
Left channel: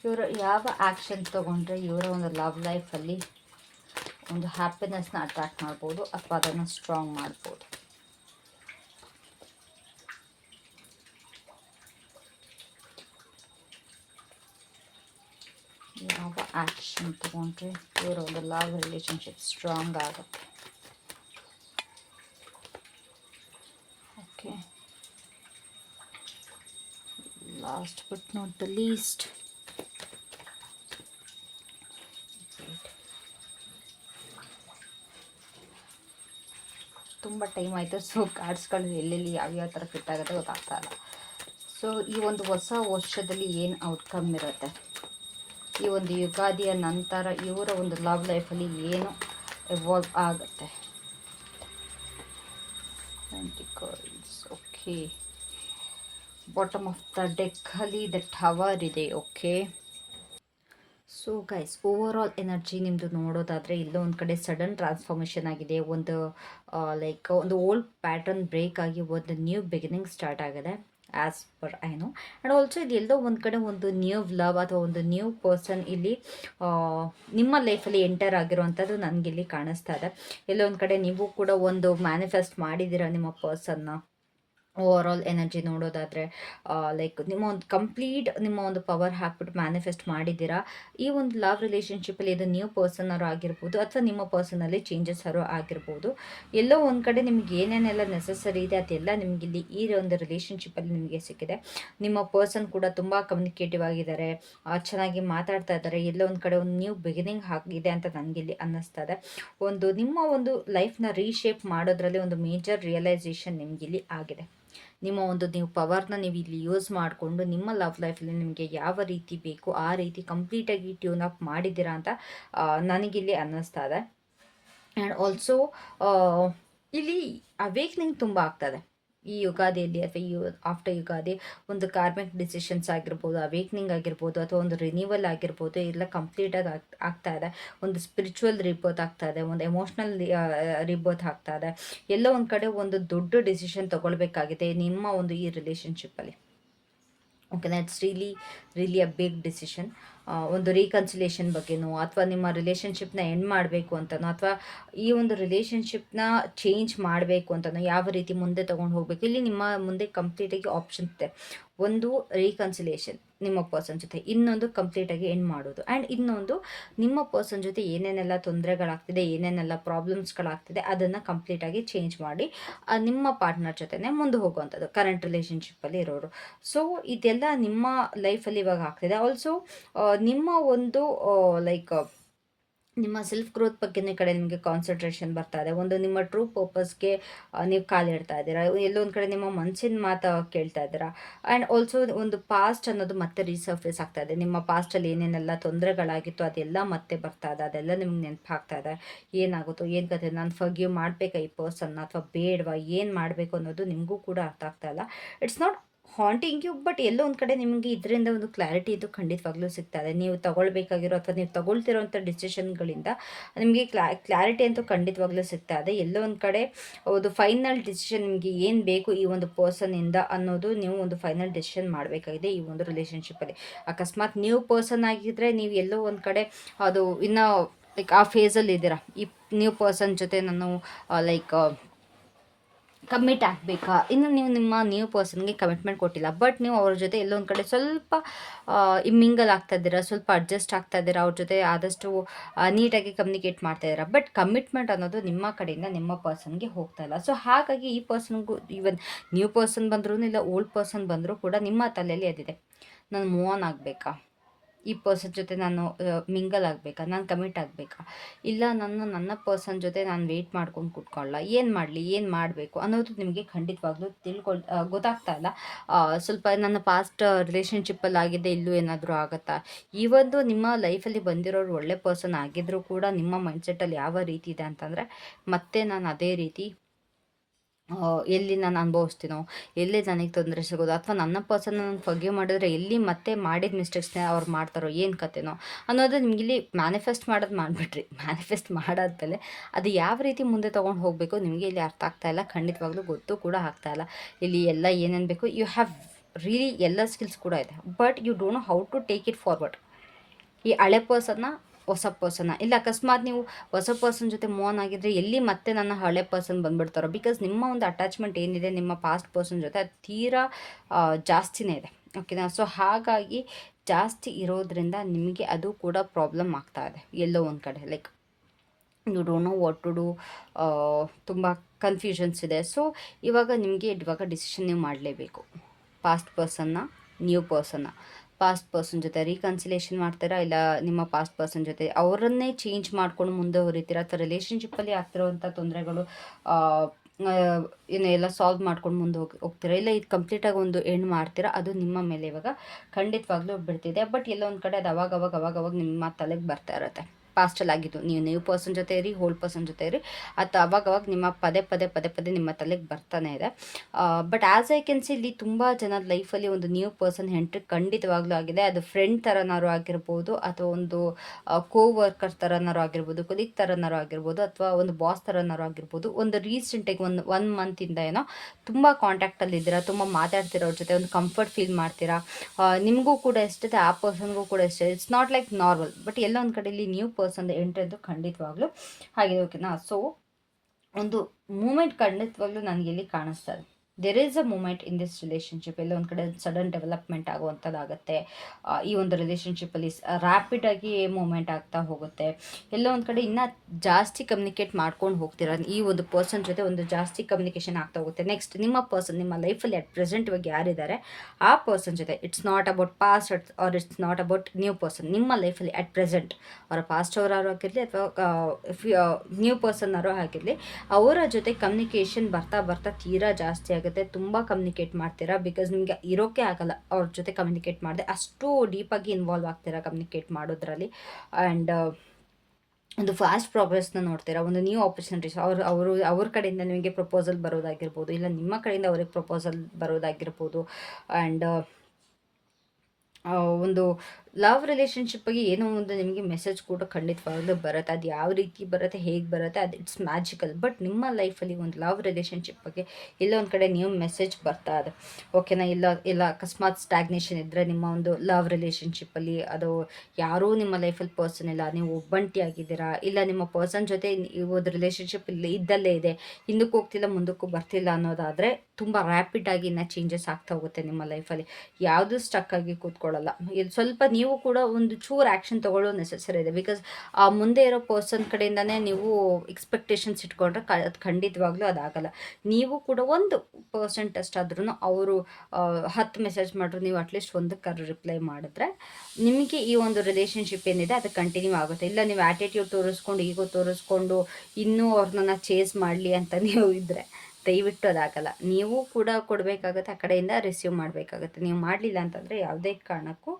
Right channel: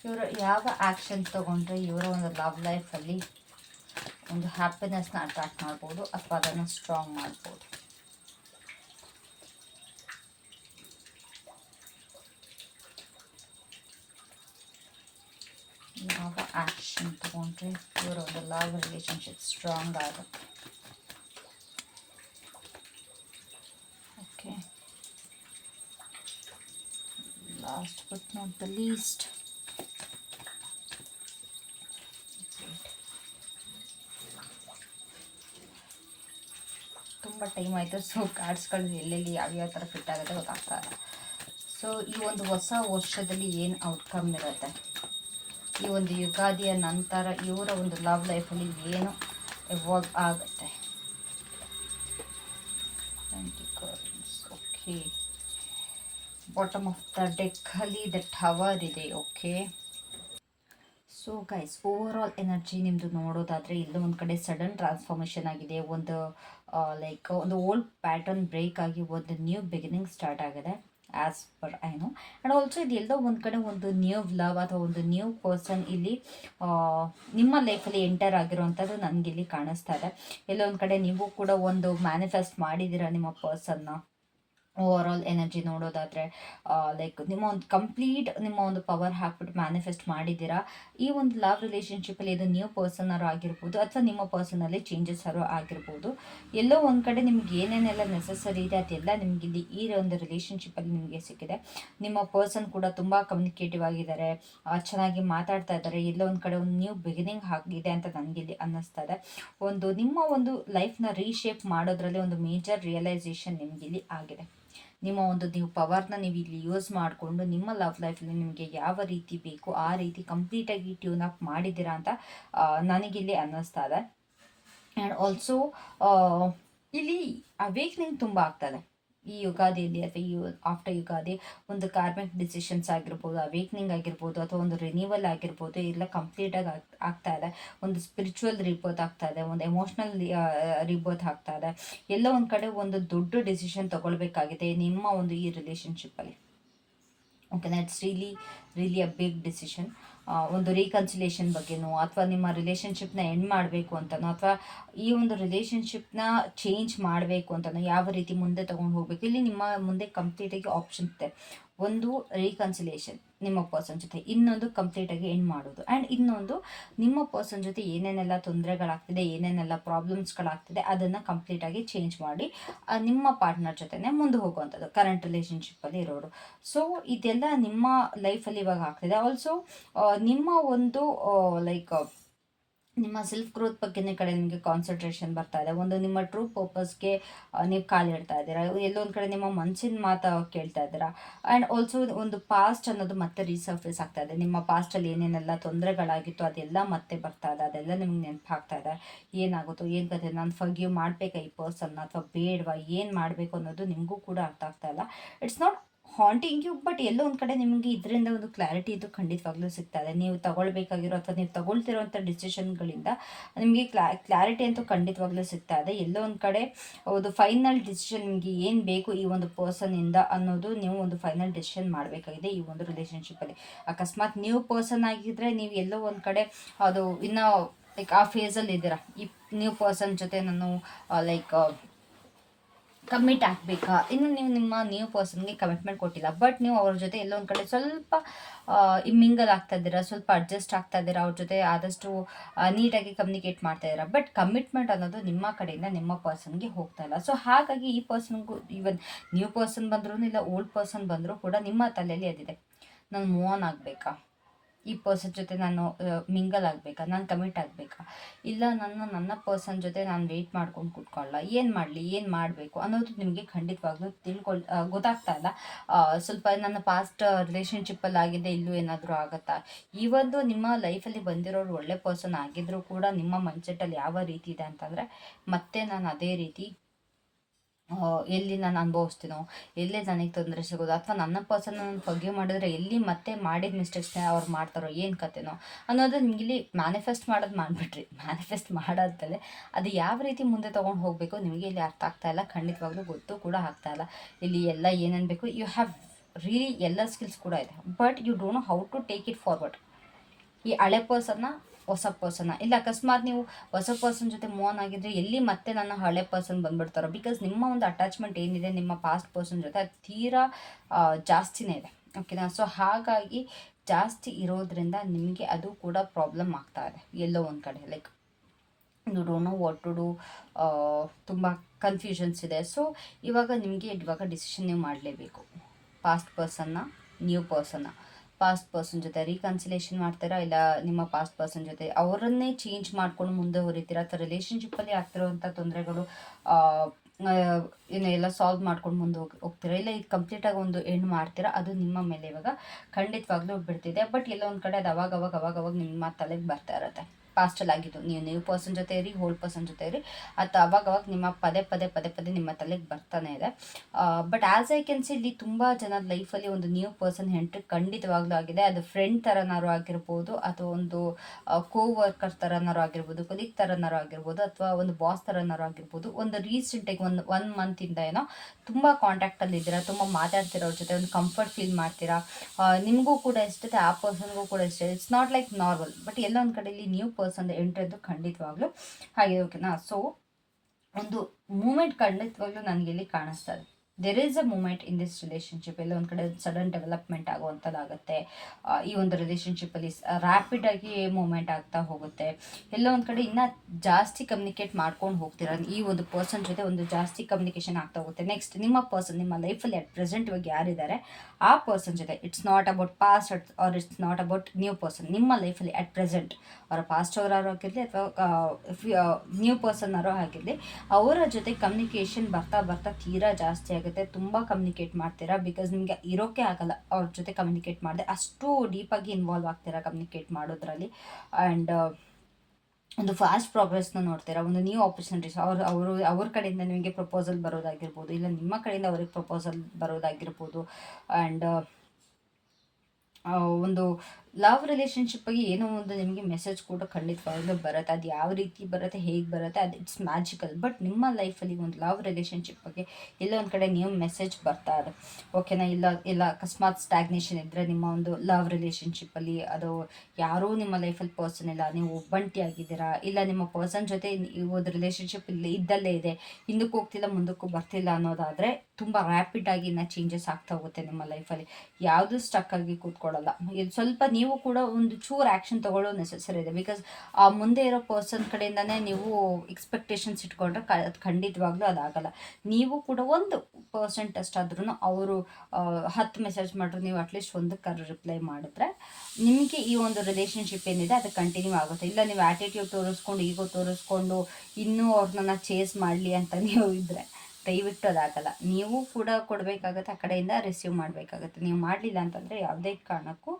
ಇವರು ಯಾವ ಆ್ಯಕ್ಷನ್ ತಗೊಂಡ್ರೆ ಇವರ ಒಂದು ಲವ್ ಲೈಫಲ್ಲಿ ಒಂದು ಹ್ಯಾಪಿನೆಸ್ನ ಅಟ್ರಾಕ್ಟ್ ಮಾಡ್ಬೋದು ಅಥವಾ ಅದನ್ನು ಸ್ಟ್ರಾಂಗ್ ಮಾಡ್ಬೋದು. ಯಾವ ಆ್ಯಕ್ಷನ್ ತಗೊಂಡ್ರೆ ಇವರ ಒಂದು ಲವ್ ರಿಲೇಷನ್ಶಿಪ್ ಸ್ಟ್ರಾಂಗ್ ಆಗುತ್ತೆ. Okay last but not the least ತುಂಬ ಟೈಮ್ ಆಯಿತು. ಸೊ ಕಾರ್ಡ್ಸ್ಗಳು ಎಲ್ಲೆಲ್ಲಿ ಯಾವ್ಯಾವ ಥರ ಫಿಟ್ ಆಗುತ್ತೆ ಗೊತ್ತಾಗ್ತಾ ಇಲ್ಲ. ಸೊ ಈ ಒಂದು ಹೊಸ ವರ್ಷದಲ್ಲಿ ಏನು ಔಟ್ಕಮ್ ಇರುತ್ತೆ? ಈ ಒಂದು ಯುಗಾದಿಯ ನಂತರ ಇವರ ಒಂದು ಲವ್ ಲೈಫಲ್ಲಿ ಏನು ಎವಾಲ್ವ್ ಆಗುತ್ತೆ? ಓಕೆ ಬಾಟಮ್ ಆಫ್ ದ ಡೆಕ್ಕಲ್ಲಿ ದ ಟವರ್ ಇದೆ okay so guys over all energy ನಿಮ್ಮದು ನೋಡೋದಾದರೆ ಇಲ್ಲೋ ಒಂದು ಕಡೆ ಸಡನ್ ಟ್ರಾನ್ಸ್ಫಾರ್ಮೇಷನ್ ಆಗಿದೆ. ಒಂದು ಲೈಕ್ ಒಂದು ಓಲ್ಡ್ ಪ್ಯಾಟರ್ನ್ ಬ್ರೇಕ್ ಆಗಿ ಒಂದು ನ್ಯೂ ಬಿಗಿನಿಂಗ್ ಸ್ಟಾರ್ಟ್ ಆಗಿದೆ as per I know and also ಇದು ಎಲ್ಲೋ ಒಂದು ಕಡೆ ಒಂದು ನ್ಯೂ ಲವ್ ಅಥವಾ ಒಂದು ನ್ಯೂ ಪರ್ಸನ್ ಇಲ್ಲಿ ನಿಮ್ಮ ಲೈಫಲ್ಲಿ ಎಂಟರ್ ಆಗಿರುವಂಥದ್ದು ನನಗಿಲ್ಲಿ ಕಾಣಿಸ್ತಾ ಇದೆ. ಎಲ್ಲೋ ಒಂದು ಕಡೆ ನೀವು ಕೂಡ ಒಂದು ಮ್ಯಾನಿಫೆಸ್ಟ್ ಮಾಡಿದ್ದೀರಾ ನಿಮ್ಮ ಪರ್ಸನ್ನ ಓವರ್ ಆಲ್ ಎನರ್ಜಿ ನೋಡೋದಾದರೆ ಲೈಕ್ ನಿಮ್ಮ ಒಂದು ಕಂಪ್ಲೀಟ್ ನಿಮ್ಮ ಒಂದು ಪವರ್ ಹಾಕ್ಬಿಟ್ಟು ಮ್ಯಾನಿಫೆಸ್ಟ್ ಮಾಡಿದ್ದೀರಾ? ಈ ಒಂದು ಲವ್ ರಿಲೇಷನ್ಶಿಪ್ಪಲ್ಲಿ ಇದು ನ್ಯೂ ಪರ್ಸನರು ಆಗಿರ್ಬೋದು ಅಥವಾ ನಿಮ್ಮ ಪರ್ಸನಲ್ಲಿ ಚೇಂಜಸ್ ಅರು ಆಗಿರ್ಬೋದು. ಎಲ್ಲೋ ಒಂದು ಕಡೆ ನಿಮ್ಗೆ ಏನೇನೆಲ್ಲ ನೆಸಸರಿ ಇದೆ ಅದೆಲ್ಲ ನಿಮ್ಗೆ ಇಲ್ಲಿ ಈ ಒಂದು ರಿಲೇಷನ್ಶಿಪ್ಪಲ್ಲಿ ನಿಮಗೆ ಸಿಕ್ಕಿದೆ. ನಿಮ್ಮ ಪರ್ಸನ್ ಕೂಡ ತುಂಬ ಕಮ್ಯುನಿಕೇಟಿವ್ ಆಗಿದ್ದಾರೆ ಚೆನ್ನಾಗಿ ಮಾತಾಡ್ತಾ ಇದ್ದಾರೆ, ಎಲ್ಲೋ ಒಂದು ಕಡೆ ಒಂದು ನ್ಯೂ ಬಿಗಿನಿಂಗ್ ಆಗಿದೆ ಅಂತ ನನಗೆ ಇಲ್ಲಿ ಅನ್ನಿಸ್ತಾ ಒಂದು ನಿಮ್ಮ ಒಂದು ಲೈಫ್ನ ರೀಶೇಪ್ ಮಾಡೋದ್ರಲ್ಲಿ ಒಂದು ಮೇಜರ್ ರಿಯಲೈಸೇಷನ್ ನಿಮಗಿಲ್ಲಿ ಆಗಿದೆ. ನಿಮ್ಮ ಒಂದು ನೀವು ಪವರ್ನ ನೀವು ಇಲ್ಲಿ ಯೂಸ್ ಮಾಡಿಕೊಂಡು ನಿಮ್ಮ ಲವ್ ಲೈಫಲ್ಲಿ ನಿಮಗೆ ಯಾವ ರೀತಿ ಬೇಕು ಆ ರೀತಿ ಕಂಪ್ಲೀಟಾಗಿ ಟ್ಯೂನ್ ಅಪ್ ಮಾಡಿದ್ದೀರಾ ಅಂತ ನನಗಿಲ್ಲಿ ಅನ್ನಿಸ್ತಾ ಇದೆ. ಆ್ಯಂಡ್ ಆಲ್ಸೋ ಇಲ್ಲಿ ಅವೇಕ್ನಿಂಗ್ ತುಂಬ ಆಗ್ತದೆ ಈ ಯುಗಾದಿಯಲ್ಲಿ ಅಥವಾ ಈ ಆಫ್ಟರ್ ಯುಗಾದಿ ಒಂದು ಕಾರ್ಮಿಕ್ ಡಿಸಿಷನ್ಸ್ ಆಗಿರ್ಬೋದು ಅವೇಕ್ನಿಂಗ್ ಆಗಿರ್ಬೋದು ಅಥವಾ ಒಂದು ರಿನ್ಯೂವಲ್ ಆಗಿರ್ಬೋದು, ಎಲ್ಲ ಕಂಪ್ಲೀಟಾಗಿ ಆಗಿ ಆಗ್ತಾ ಇದೆ. ಒಂದು ಸ್ಪಿರಿಚುವಲ್ ರಿಬೋತ್ ಆಗ್ತಾ ಇದೆ, ಒಂದು ಎಮೋಷ್ನಲ್ ರಿಬೋತ್ ಆಗ್ತಾ ಇದೆ. ಎಲ್ಲ ಒಂದು ಕಡೆ ಒಂದು ದೊಡ್ಡ ಡಿಸಿಷನ್ ತಗೊಳ್ಬೇಕಾಗಿದೆ ನಿಮ್ಮ ಒಂದು ಈ ರಿಲೇಷನ್ಶಿಪ್ಪಲ್ಲಿ okay that's really really a big decision ಒಂದು ರೀಕನ್ಸಿಲೇಷನ್ ಬಗ್ಗೆನೋ ಅಥವಾ ನಿಮ್ಮ ರಿಲೇಷನ್ಶಿಪ್ನ ಎಂಡ್ ಮಾಡಬೇಕು ಅಂತನೋ ಅಥವಾ ಈ ಒಂದು ರಿಲೇಷನ್ಶಿಪ್ನ ಚೇಂಜ್ ಮಾಡಬೇಕು ಅಂತನೋ ಯಾವ ರೀತಿ ಮುಂದೆ ತೊಗೊಂಡು ಹೋಗಬೇಕು? ಇಲ್ಲಿ ನಿಮ್ಮ ಮುಂದೆ ಕಂಪ್ಲೀಟಾಗಿ ಆಪ್ಷನ್ಸ್ ಇದೆ. ಒಂದು ರೀಕನ್ಸಿಲೇಷನ್ ನಿಮ್ಮ ಪರ್ಸನ್ ಜೊತೆ, ಇನ್ನೊಂದು ಕಂಪ್ಲೀಟಾಗಿ ಎಂಡ್ ಮಾಡೋದು. ಆ್ಯಂಡ್ ಇನ್ನೊಂದು ನಿಮ್ಮ ಪರ್ಸನ್ ಜೊತೆ ಏನೇನೆಲ್ಲ ತೊಂದರೆಗಳಾಗ್ತಿದೆ, ಏನೇನೆಲ್ಲ ಪ್ರಾಬ್ಲಮ್ಸ್ಗಳಾಗ್ತಿದೆ ಅದನ್ನು ಕಂಪ್ಲೀಟಾಗಿ ಚೇಂಜ್ ಮಾಡಿ ನಿಮ್ಮ ಪಾರ್ಟ್ನರ್ ಜೊತೆನೇ ಮುಂದೆ ಹೋಗುವಂಥದ್ದು ಕರೆಂಟ್ ರಿಲೇಷನ್ಶಿಪ್ಪಲ್ಲಿ ಇರೋರು. ಸೊ ಇದೆಲ್ಲ ನಿಮ್ಮ ಲೈಫಲ್ಲಿ ಇವಾಗ ಆಗ್ತಿದೆ. ಆಲ್ಸೋ ನಿಮ್ಮ ಒಂದು ಲೈಕ್ ನಿಮ್ಮ ಸೆಲ್ಫ್ ಗ್ರೋತ್ ಬಗ್ಗೆ ಕಡೆ ನಿಮಗೆ ಕಾನ್ಸಂಟ್ರೇಷನ್ ಬರ್ತಾ ಇದೆ. ಒಂದು ನಿಮ್ಮ ಟ್ರೂ ಪರ್ಪಸ್ಗೆ ನೀವು ಕಾಲಿಡ್ತಾ ಇದ್ದೀರಾ? ಎಲ್ಲೊಂದು ಕಡೆ ನಿಮ್ಮ ಮನಸ್ಸಿನ ಮಾತು ಕೇಳ್ತಾ ಇದ್ದೀರಾ? ಆ್ಯಂಡ್ ಆಲ್ಸೋ ಒಂದು ಪಾಸ್ಟ್ ಅನ್ನೋದು ಮತ್ತೆ ರೀಸರ್ಫೇಸ್ ಆಗ್ತಾ ಇದೆ. ನಿಮ್ಮ ಪಾಸ್ಟಲ್ಲಿ ಏನೇನೆಲ್ಲ ತೊಂದರೆಗಳಾಗಿತ್ತು, ಅದೆಲ್ಲ ಮತ್ತೆ ಬರ್ತಾ ಇದೆ. ಅದೆಲ್ಲ ನಿಮ್ಗೆ ನೆನಪಾಗ್ತಾ ಇದೆ. ಏನಾಗುತ್ತೋ, ಏನು ಕತೆ? ನಾನು ಫಗ್ಯೂ ಮಾಡಬೇಕಾ ಈ ಪರ್ಸನ್ನ ಅಥವಾ ಬೇಡವಾ? ಏನು ಮಾಡಬೇಕು ಅನ್ನೋದು ನಿಮಗೂ ಕೂಡ ಅರ್ಥ ಆಗ್ತಾ ಇಲ್ಲ. It's not haunting you but ಎಲ್ಲೋ ಒಂದು ಕಡೆ ನಿಮಗೆ ಇದರಿಂದ ಒಂದು ಕ್ಲಾರಿಟಿ ಇದು ಖಂಡಿತವಾಗ್ಲೂ ಸಿಗ್ತಾ ನೀವು ತಗೊಳ್ಬೇಕಾಗಿರೋ ಅಥವಾ ನೀವು ತಗೊಳ್ತಿರೋಂಥ ಡಿಸಿಷನ್ಗಳಿಂದ ನಿಮಗೆ ಕ್ಲಾ ಕ್ಲಾರಿಟಿ ಅಂತೂ ಖಂಡಿತವಾಗ್ಲೂ ಸಿಗ್ತಾ ಇದೆ ಎಲ್ಲೋ ಒಂದು ಕಡೆ ಒಂದು ಫೈನಲ್ ಡಿಸಿಷನ್ ನಿಮಗೆ ಏನು ಬೇಕು ಈ ಒಂದು ಪರ್ಸನಿಂದ ಅನ್ನೋದು ನೀವು ಒಂದು ಫೈನಲ್ ಡಿಸಿಷನ್ ಮಾಡಬೇಕಾಗಿದೆ ಈ ಒಂದು ರಿಲೇಷನ್ಶಿಪ್ಪಲ್ಲಿ ಅಕಸ್ಮಾತ್ ನೀವು ಪರ್ಸನ್ ಆಗಿದ್ದರೆ ನೀವು ಎಲ್ಲೋ ಒಂದು ಕಡೆ ಅದು ಇನ್ನು ಲೈಕ್ ಆ ಫೇಸಲ್ಲಿ ಇದ್ದೀರಾ. ಈ ನ್ಯೂ ಪರ್ಸನ್ ಜೊತೆ ನಾನು ಲೈಕ್ ಕಮಿಟ್ ಆಗಬೇಕಾ? ಇನ್ನು ನೀವು ನಿಮ್ಮ ನ್ಯೂ ಪರ್ಸನ್ಗೆ ಕಮಿಟ್ಮೆಂಟ್ ಕೊಟ್ಟಿಲ್ಲ. ಬಟ್ ನೀವು ಅವ್ರ ಜೊತೆ ಎಲ್ಲೊಂದು ಕಡೆ ಸ್ವಲ್ಪ ಮಿಂಗಲ್ ಆಗ್ತಾ ಇದ್ದೀರಾ, ಸ್ವಲ್ಪ ಅಡ್ಜಸ್ಟ್ ಆಗ್ತಾ ಇದ್ದೀರಾ, ಅವ್ರ ಜೊತೆ ಆದಷ್ಟು ನೀಟಾಗಿ ಕಮ್ಯುನಿಕೇಟ್ ಮಾಡ್ತಾ ಇದ್ದೀರಾ. ಬಟ್ ಕಮಿಟ್ಮೆಂಟ್ ಅನ್ನೋದು ನಿಮ್ಮ ಕಡೆಯಿಂದ ನಿಮ್ಮ ಪರ್ಸನ್ಗೆ ಹೋಗ್ತಾ ಇಲ್ಲ. ಸೊ ಹಾಗಾಗಿ ಈ ಪರ್ಸನ್ಗೂ ಈವನ್ ನ್ಯೂ ಪರ್ಸನ್ ಬಂದರೂ ಇಲ್ಲ ಓಲ್ಡ್ ಪರ್ಸನ್ ಬಂದರೂ ಕೂಡ ನಿಮ್ಮ ತಲೆಯಲ್ಲಿ ಅದಿದೆ. ನಾನು ಮೂವ್ ಆನ್ ಆಗಬೇಕಾ? ಈ ಪರ್ಸನ್ ಜೊತೆ ನಾನು ಮಿಂಗಲ್ ಆಗಬೇಕಾ? ನಾನು ಕಮಿಟ್ ಆಗಬೇಕಾ? ಇಲ್ಲ, ನನ್ನ ನನ್ನ ಪರ್ಸನ್ ಜೊತೆ ನಾನು ವೆಯ್ಟ್ ಮಾಡ್ಕೊಂಡು ಕೂತ್ಕೊಳ್ಳ. ಏನು ಮಾಡಲಿ? ಏನು ಮಾಡಬೇಕು? ಅನ್ನೋದು ನಿಮಗೆ ಖಂಡಿತವಾಗ್ಲೂ ತಿಳ್ಕೊಳ್ ಗೊತ್ತಾಗ್ತಾ ಇಲ್ಲ. ಸ್ವಲ್ಪ ನನ್ನ ಪಾಸ್ಟ್ ರಿಲೇಷನ್ಶಿಪ್ಪಲ್ಲಿ ಆಗಿದೆ ಇಲ್ಲೂ ಏನಾದರೂ ಆಗುತ್ತಾ? ಇವತ್ತು ನಿಮ್ಮ ಲೈಫಲ್ಲಿ ಬಂದಿರೋರು ಒಳ್ಳೆ ಪರ್ಸನ್ ಆಗಿದ್ದರೂ ಕೂಡ ನಿಮ್ಮ ಮೈಂಡ್ಸೆಟ್ಟಲ್ಲಿ ಯಾವ ರೀತಿ ಇದೆ ಅಂತಂದರೆ ಮತ್ತೆ ನಾನು ಅದೇ ರೀತಿ ಎಲ್ಲಿ ನಾನು ಅನುಭವಿಸ್ತೀನೋ, ಎಲ್ಲಿ ನನಗೆ ತೊಂದರೆ ಸಿಗೋದು, ಅಥವಾ ನನ್ನ ಪರ್ಸನ್ ನಾನು ಫಗ್ಯೂ ಮಾಡಿದ್ರೆ ಎಲ್ಲಿ ಮತ್ತೆ ಮಾಡಿದ ಮಿಸ್ಟೇಕ್ಸ್ನ ಅವ್ರು ಮಾಡ್ತಾರೋ, ಏನು ಕತೆನೋ ಅನ್ನೋದು ನಿಮ್ಗೆ ಇಲ್ಲಿ ಮ್ಯಾನಿಫೆಸ್ಟ್ ಮಾಡೋದು ಮಾಡಿಬಿಟ್ರಿ. ಮ್ಯಾನಿಫೆಸ್ಟ್ ಮಾಡಾದ್ಮೇಲೆ ಅದು ಯಾವ ರೀತಿ ಮುಂದೆ ತೊಗೊಂಡು ಹೋಗಬೇಕು ನಿಮಗೆ ಇಲ್ಲಿ ಅರ್ಥ ಆಗ್ತಾ ಇಲ್ಲ. ಖಂಡಿತವಾಗ್ಲೂ ಗೊತ್ತು ಕೂಡ ಆಗ್ತಾ ಇಲ್ಲ. ಇಲ್ಲಿ ಎಲ್ಲ ಏನೇನು ಬೇಕು ಯು ಹ್ಯಾವ್ ರಿಯಲಿ ಎಲ್ಲ ಸ್ಕಿಲ್ಸ್ ಕೂಡ ಇದೆ. But you don't know how to take it forward ಈ ಹಳೆ ಪರ್ಸನ್ನ ಹೊಸ ಪರ್ಸನ್ನ ಇಲ್ಲ, ಅಕಸ್ಮಾತ್ ನೀವು ಹೊಸ ಪರ್ಸನ್ ಜೊತೆ ಮೋನ್ ಆಗಿದ್ರೆ ಎಲ್ಲಿ ಮತ್ತೆ ನನ್ನ ಹಳೆ ಪರ್ಸನ್ ಬಂದ್ಬಿಡ್ತಾರೋ? ಬಿಕಾಸ್ ನಿಮ್ಮ ಒಂದು ಅಟ್ಯಾಚ್ಮೆಂಟ್ ಏನಿದೆ, ನಿಮ್ಮ ಪಾಸ್ಟ್ ಪರ್ಸನ್ ಜೊತೆ ಅದು ತೀರಾ ಜಾಸ್ತಿನೇ ಇದೆ. ಓಕೆನಾ ಸೊ ಹಾಗಾಗಿ ಜಾಸ್ತಿ ಇರೋದ್ರಿಂದ ನಿಮಗೆ ಅದು ಕೂಡ ಪ್ರಾಬ್ಲಮ್ ಆಗ್ತಾ ಇದೆ, ಎಲ್ಲೋ ಒಂದು ಕಡೆ. Like you don't know what to do ತುಂಬ ಕನ್ಫ್ಯೂಷನ್ಸ್ ಇದೆ. ಸೊ ಇವಾಗ ನಿಮಗೆ ಇವಾಗ ಡಿಸಿಷನ್ ನೀವು ಮಾಡಲೇಬೇಕು. ಪಾಸ್ಟ್ ಪರ್ಸನ್ನ ನ್ಯೂ ಪರ್ಸನ್ನ ಪಾಸ್ಟ್ ಪರ್ಸನ್ ಜೊತೆ ರೀಕನ್ಸಿಲೇಷನ್ ಮಾಡ್ತೀರಾ ಇಲ್ಲ ನಿಮ್ಮ ಪಾಸ್ಟ್ ಪರ್ಸನ್ ಜೊತೆ? ಅವರನ್ನೇ ಚೇಂಜ್ ಮಾಡ್ಕೊಂಡು ಮುಂದೆ ಹೊರಿತೀರಾ? ಅಥವಾ ರಿಲೇಷನ್ಶಿಪ್ಪಲ್ಲಿ ಆಗ್ತಿರೋವಂಥ ತೊಂದರೆಗಳು ಏನು ಎಲ್ಲ ಸಾಲ್ವ್ ಮಾಡ್ಕೊಂಡು ಮುಂದೆ ಹೋಗಿ, ಹೋಗ್ತೀರಾ? ಇಲ್ಲ ಇದು ಕಂಪ್ಲೀಟಾಗಿ ಒಂದು ಎಂಡ್ ಮಾಡ್ತೀರಾ? ಅದು ನಿಮ್ಮ ಮೇಲೆ ಇವಾಗ ಖಂಡಿತವಾಗ್ಲೂ ಬಿಡ್ತಿದೆ. ಬಟ್ ಎಲ್ಲೊಂದು ಕಡೆ ಅದು ಅವಾಗ ಅವಾಗ ಅವಾಗ ಅವಾಗ ನಿಮ್ಮ ತಲೆಗೆ ಬರ್ತಾ ಇರುತ್ತೆ. ಪಾಸ್ಟಲ್ಲಿ ಆಗಿದ್ದು. ನೀವು ನ್ಯೂ ಪರ್ಸನ್ ಜೊತೆ ಇರಿ ಹೋಲ್ ಪರ್ಸನ್ ಜೊತೆ ಇರಿ. ಅಥವಾ ಅವಾಗ ಅವಾಗ ನಿಮ್ಮ ಪದೇ ಪದೇ ಪದೇ ಪದೇ ನಿಮ್ಮ ತಲೆಗೆ ಬರ್ತಾನೆ ಇದೆ. But as I can see ಇಲ್ಲಿ ತುಂಬ ಜನದ ಲೈಫಲ್ಲಿ ಒಂದು ನ್ಯೂ ಪರ್ಸನ್ ಎಂಟ್ರಿ ಖಂಡಿತವಾಗ್ಲೂ ಆಗಿದೆ. ಅದು ಫ್ರೆಂಡ್ ಥರನಾರು ಆಗಿರ್ಬೋದು, ಅಥವಾ ಒಂದು ಕೋ ವರ್ಕರ್ ಥರನಾರು ಆಗಿರ್ಬೋದು ಕೊಲೀಗ್ ಥರನಾರು ಆಗಿರ್ಬೋದು, ಅಥವಾ ಒಂದು ಬಾಸ್ ಥರನಾರು ಆಗಿರ್ಬೋದು. ಒಂದು ರೀಸೆಂಟಾಗಿ ಒಂದು ಒನ್ ಮಂತಿಂದ ಏನೋ ತುಂಬ ಕಾಂಟ್ಯಾಕ್ಟಲ್ಲಿ ಇದ್ದೀರಾ, ತುಂಬ ಮಾತಾಡ್ತೀರಾ ಅವ್ರ ಜೊತೆ ಒಂದು ಕಂಫರ್ಟ್ ಫೀಲ್ ಮಾಡ್ತೀರಾ. ನಿಮಗೂ ಕೂಡ ಎಷ್ಟೇ ಆ ಪರ್ಸನ್ಗೂ ಕೂಡ ಎಷ್ಟೇ it's not like normal but ಎಲ್ಲ ಒಂದು ಕಡೆ ಇಲ್ಲಿ ನ್ಯೂ ಎಂಟ್ರೆದ್ದು ಖಂಡಿತವಾಗ್ಲೂ. ಹಾಗೆ ಓಕೆನಾ ಸೊ ಒಂದು ಮೂಮೆಂಟ್ ಖಂಡಿತವಾಗ್ಲೂ ನನಗೆ ಇಲ್ಲಿ ಕಾಣಿಸ್ತಾ ಇದೆ. There is a moment in this relationship ಎಲ್ಲ ಒಂದು ಕಡೆ ಸಡನ್ ಡೆವಲಪ್ಮೆಂಟ್ ಆಗುವಂಥದ್ದಾಗುತ್ತೆ ಈ ಒಂದು ರಿಲೇಷನ್ಶಿಪ್ಪಲ್ಲಿ ರ್ಯಾಪಿಡಾಗಿ ಮೂಮೆಂಟ್ ಆಗ್ತಾ ಹೋಗುತ್ತೆ. ಎಲ್ಲ ಒಂದು ಕಡೆ ಇನ್ನೂ ಜಾಸ್ತಿ ಕಮ್ಯುನಿಕೇಟ್ ಮಾಡ್ಕೊಂಡು ಹೋಗ್ತೀರ, ಈ ಒಂದು ಪರ್ಸನ್ ಜೊತೆ ಒಂದು ಜಾಸ್ತಿ ಕಮ್ಯುನಿಕೇಷನ್ ಆಗ್ತಾ ಹೋಗುತ್ತೆ. ನೆಕ್ಸ್ಟ್ ನಿಮ್ಮ ಪರ್ಸನ್ ನಿಮ್ಮ ಲೈಫಲ್ಲಿ ಅಟ್ ಪ್ರೆಸೆಂಟ್ ಇವಾಗ ಯಾರಿದ್ದಾರೆ, ಆ ಪರ್ಸನ್ ಜೊತೆ it's not about past or it's not about new person ನಿಮ್ಮ ಲೈಫಲ್ಲಿ ಅಟ್ ಪ್ರೆಸೆಂಟ್ ಅವರ ಪಾಸ್ಟ್ ಅವರಾರು ಆಗಿರಲಿ ಅಥವಾ ನ್ಯೂ ಪರ್ಸನ್ನಾರೋ ಆಗಿರಲಿ, ಅವರ ಜೊತೆ ಕಮ್ಯುನಿಕೇಷನ್ ಬರ್ತಾ ಬರ್ತಾ ತೀರಾ ಜಾಸ್ತಿ ಆಗುತ್ತೆ. ಆಗುತ್ತೆ ತುಂಬ ಕಮ್ಯುನಿಕೇಟ್ ಮಾಡ್ತೀರಾ? ಬಿಕಾಸ್ ನಿಮಗೆ ಇರೋಕ್ಕೆ ಆಗಲ್ಲ, ಅವ್ರ ಜೊತೆ ಕಮ್ಯುನಿಕೇಟ್ ಮಾಡಿದೆ ಅಷ್ಟು ಡೀಪಾಗಿ ಇನ್ವಾಲ್ವ್ ಆಗ್ತೀರಾ ಕಮ್ಯುನಿಕೇಟ್ ಮಾಡೋದ್ರಲ್ಲಿ? ಆ್ಯಂಡ್ ಒಂದು ಫಾಸ್ಟ್ ಪ್ರೋಗ್ರೆಸ್ನ ನೋಡ್ತೀರಾ? ಒಂದು ನ್ಯೂ ಆಪರ್ಚುನಿಟೀಸ್ ಅವರು ಅವರು, ಅವ್ರ ಕಡೆಯಿಂದ ನಿಮಗೆ ಪ್ರಪೋಸಲ್ ಬರೋದಾಗಿರ್ಬೋದು, ಇಲ್ಲ ನಿಮ್ಮ ಕಡೆಯಿಂದ ಅವ್ರಿಗೆ ಪ್ರಪೋಸಲ್ ಬರೋದಾಗಿರ್ಬೋದು. ಆ್ಯಂಡ್ ಒಂದು ಲವ್ ರಿಲೇಷನ್ಶಿಪ್ಪಿಗೆ ಏನೋ ಒಂದು ನಿಮಗೆ ಮೆಸೇಜ್ ಕೂಡ ಖಂಡಿತವಾಗ್ಲೂ ಬರುತ್ತೆ. ಅದು ಯಾವ ರೀತಿ ಬರುತ್ತೆ, ಹೇಗೆ ಬರುತ್ತೆ, ಅದು ಇಟ್ಸ್ ಮ್ಯಾಜಿಕಲ್ ಬಟ್ ನಿಮ್ಮ ಲೈಫಲ್ಲಿ ಒಂದು ಲವ್ ರಿಲೇಷನ್ಶಿಪ್ ಬಗ್ಗೆ ಎಲ್ಲ ಒಂದು ಕಡೆ ನೀವು ಮೆಸೇಜ್ ಬರ್ತಾ ಇದೆ. ಓಕೆನಾ ಇಲ್ಲ ಇಲ್ಲ ಅಕಸ್ಮಾತ್ ಸ್ಟ್ಯಾಗ್ನೇಷನ್ ಇದ್ದರೆ ನಿಮ್ಮ ಒಂದು ಲವ್ ರಿಲೇಷನ್ಶಿಪ್ಪಲ್ಲಿ ಅದು ಯಾರೂ ನಿಮ್ಮ ಲೈಫಲ್ಲಿ ಪರ್ಸನ್ ಇಲ್ಲ. ನೀವು ಒಬ್ಬಂಟಿ ಆಗಿದ್ದೀರಾ? ಇಲ್ಲ ನಿಮ್ಮ ಪರ್ಸನ್ ಜೊತೆ ಒಂದು ರಿಲೇಷನ್ಶಿಪ್ ಇಲ್ಲಿ ಇದ್ದಲ್ಲೇ ಇದೆ. ಹಿಂದಕ್ಕೆ ಹೋಗ್ತಿಲ್ಲ, ಮುಂದಕ್ಕೂ ಬರ್ತಿಲ್ಲ ಅನ್ನೋದಾದರೆ ತುಂಬ ರ್ಯಾಪಿಡ್ ಆಗಿ ಇನ್ನೂ ಚೇಂಜಸ್ ಆಗ್ತಾ ಹೋಗುತ್ತೆ ನಿಮ್ಮ ಲೈಫಲ್ಲಿ ಯಾವುದು ಸ್ಟಕ್ ಆಗಿ ಕೂತ್ಕೊಳ್ಳಲ್ಲ. ಇಲ್ಲಿ ಸ್ವಲ್ಪ ನೀವು ನೀವು ಕೂಡ ಒಂದು ಚೂರು ಆ್ಯಕ್ಷನ್ ತೊಗೊಳ್ಳೋ ನೆಸೆಸರಿ ಇದೆ. ಬಿಕಾಸ್ ಮುಂದೆ ಇರೋ ಪರ್ಸನ್ ಕಡೆಯಿಂದನೇ ನೀವು ಎಕ್ಸ್ಪೆಕ್ಟೇಷನ್ಸ್ ಇಟ್ಕೊಂಡ್ರೆ ಕ, ಅದು ಖಂಡಿತವಾಗ್ಲೂ ಅದಾಗಲ್ಲ. ನೀವು ಕೂಡ ಒಂದು ಪರ್ಸೆಂಟ್ ಅಷ್ಟಾದ್ರೂ ಅವರು ಹತ್ತು ಮೆಸೇಜ್ ಮಾಡಿದ್ರು ನೀವು ಅಟ್ಲೀಸ್ಟ್ ಒಂದಕ್ಕಾದ್ರೂ ರಿಪ್ಲೈ ಮಾಡಿದ್ರೆ ನಿಮಗೆ ಈ ಒಂದು ರಿಲೇಷನ್ಶಿಪ್ ಏನಿದೆ ಅದು ಕಂಟಿನ್ಯೂ ಆಗುತ್ತೆ. ಇಲ್ಲ ನೀವು ಆ್ಯಟಿಟ್ಯೂಡ್ ತೋರಿಸ್ಕೊಂಡು ಈಗೋ ತೋರಿಸ್ಕೊಂಡು ಇನ್ನೂ ಅವ್ರನ್ನ ಚೇಸ್ ಮಾಡಲಿ ಅಂತ ನೀವು ಇದ್ದರೆ ದಯವಿಟ್ಟು ಅದಾಗಲ್ಲ. ನೀವು ಕೂಡ ಕೊಡಬೇಕಾಗತ್ತೆ, ಆ ಕಡೆಯಿಂದ ರಿಸೀವ್ ಮಾಡಬೇಕಾಗತ್ತೆ. ನೀವು ಮಾಡಲಿಲ್ಲ ಅಂತಂದರೆ ಯಾವುದೇ ಕಾರಣಕ್ಕೂ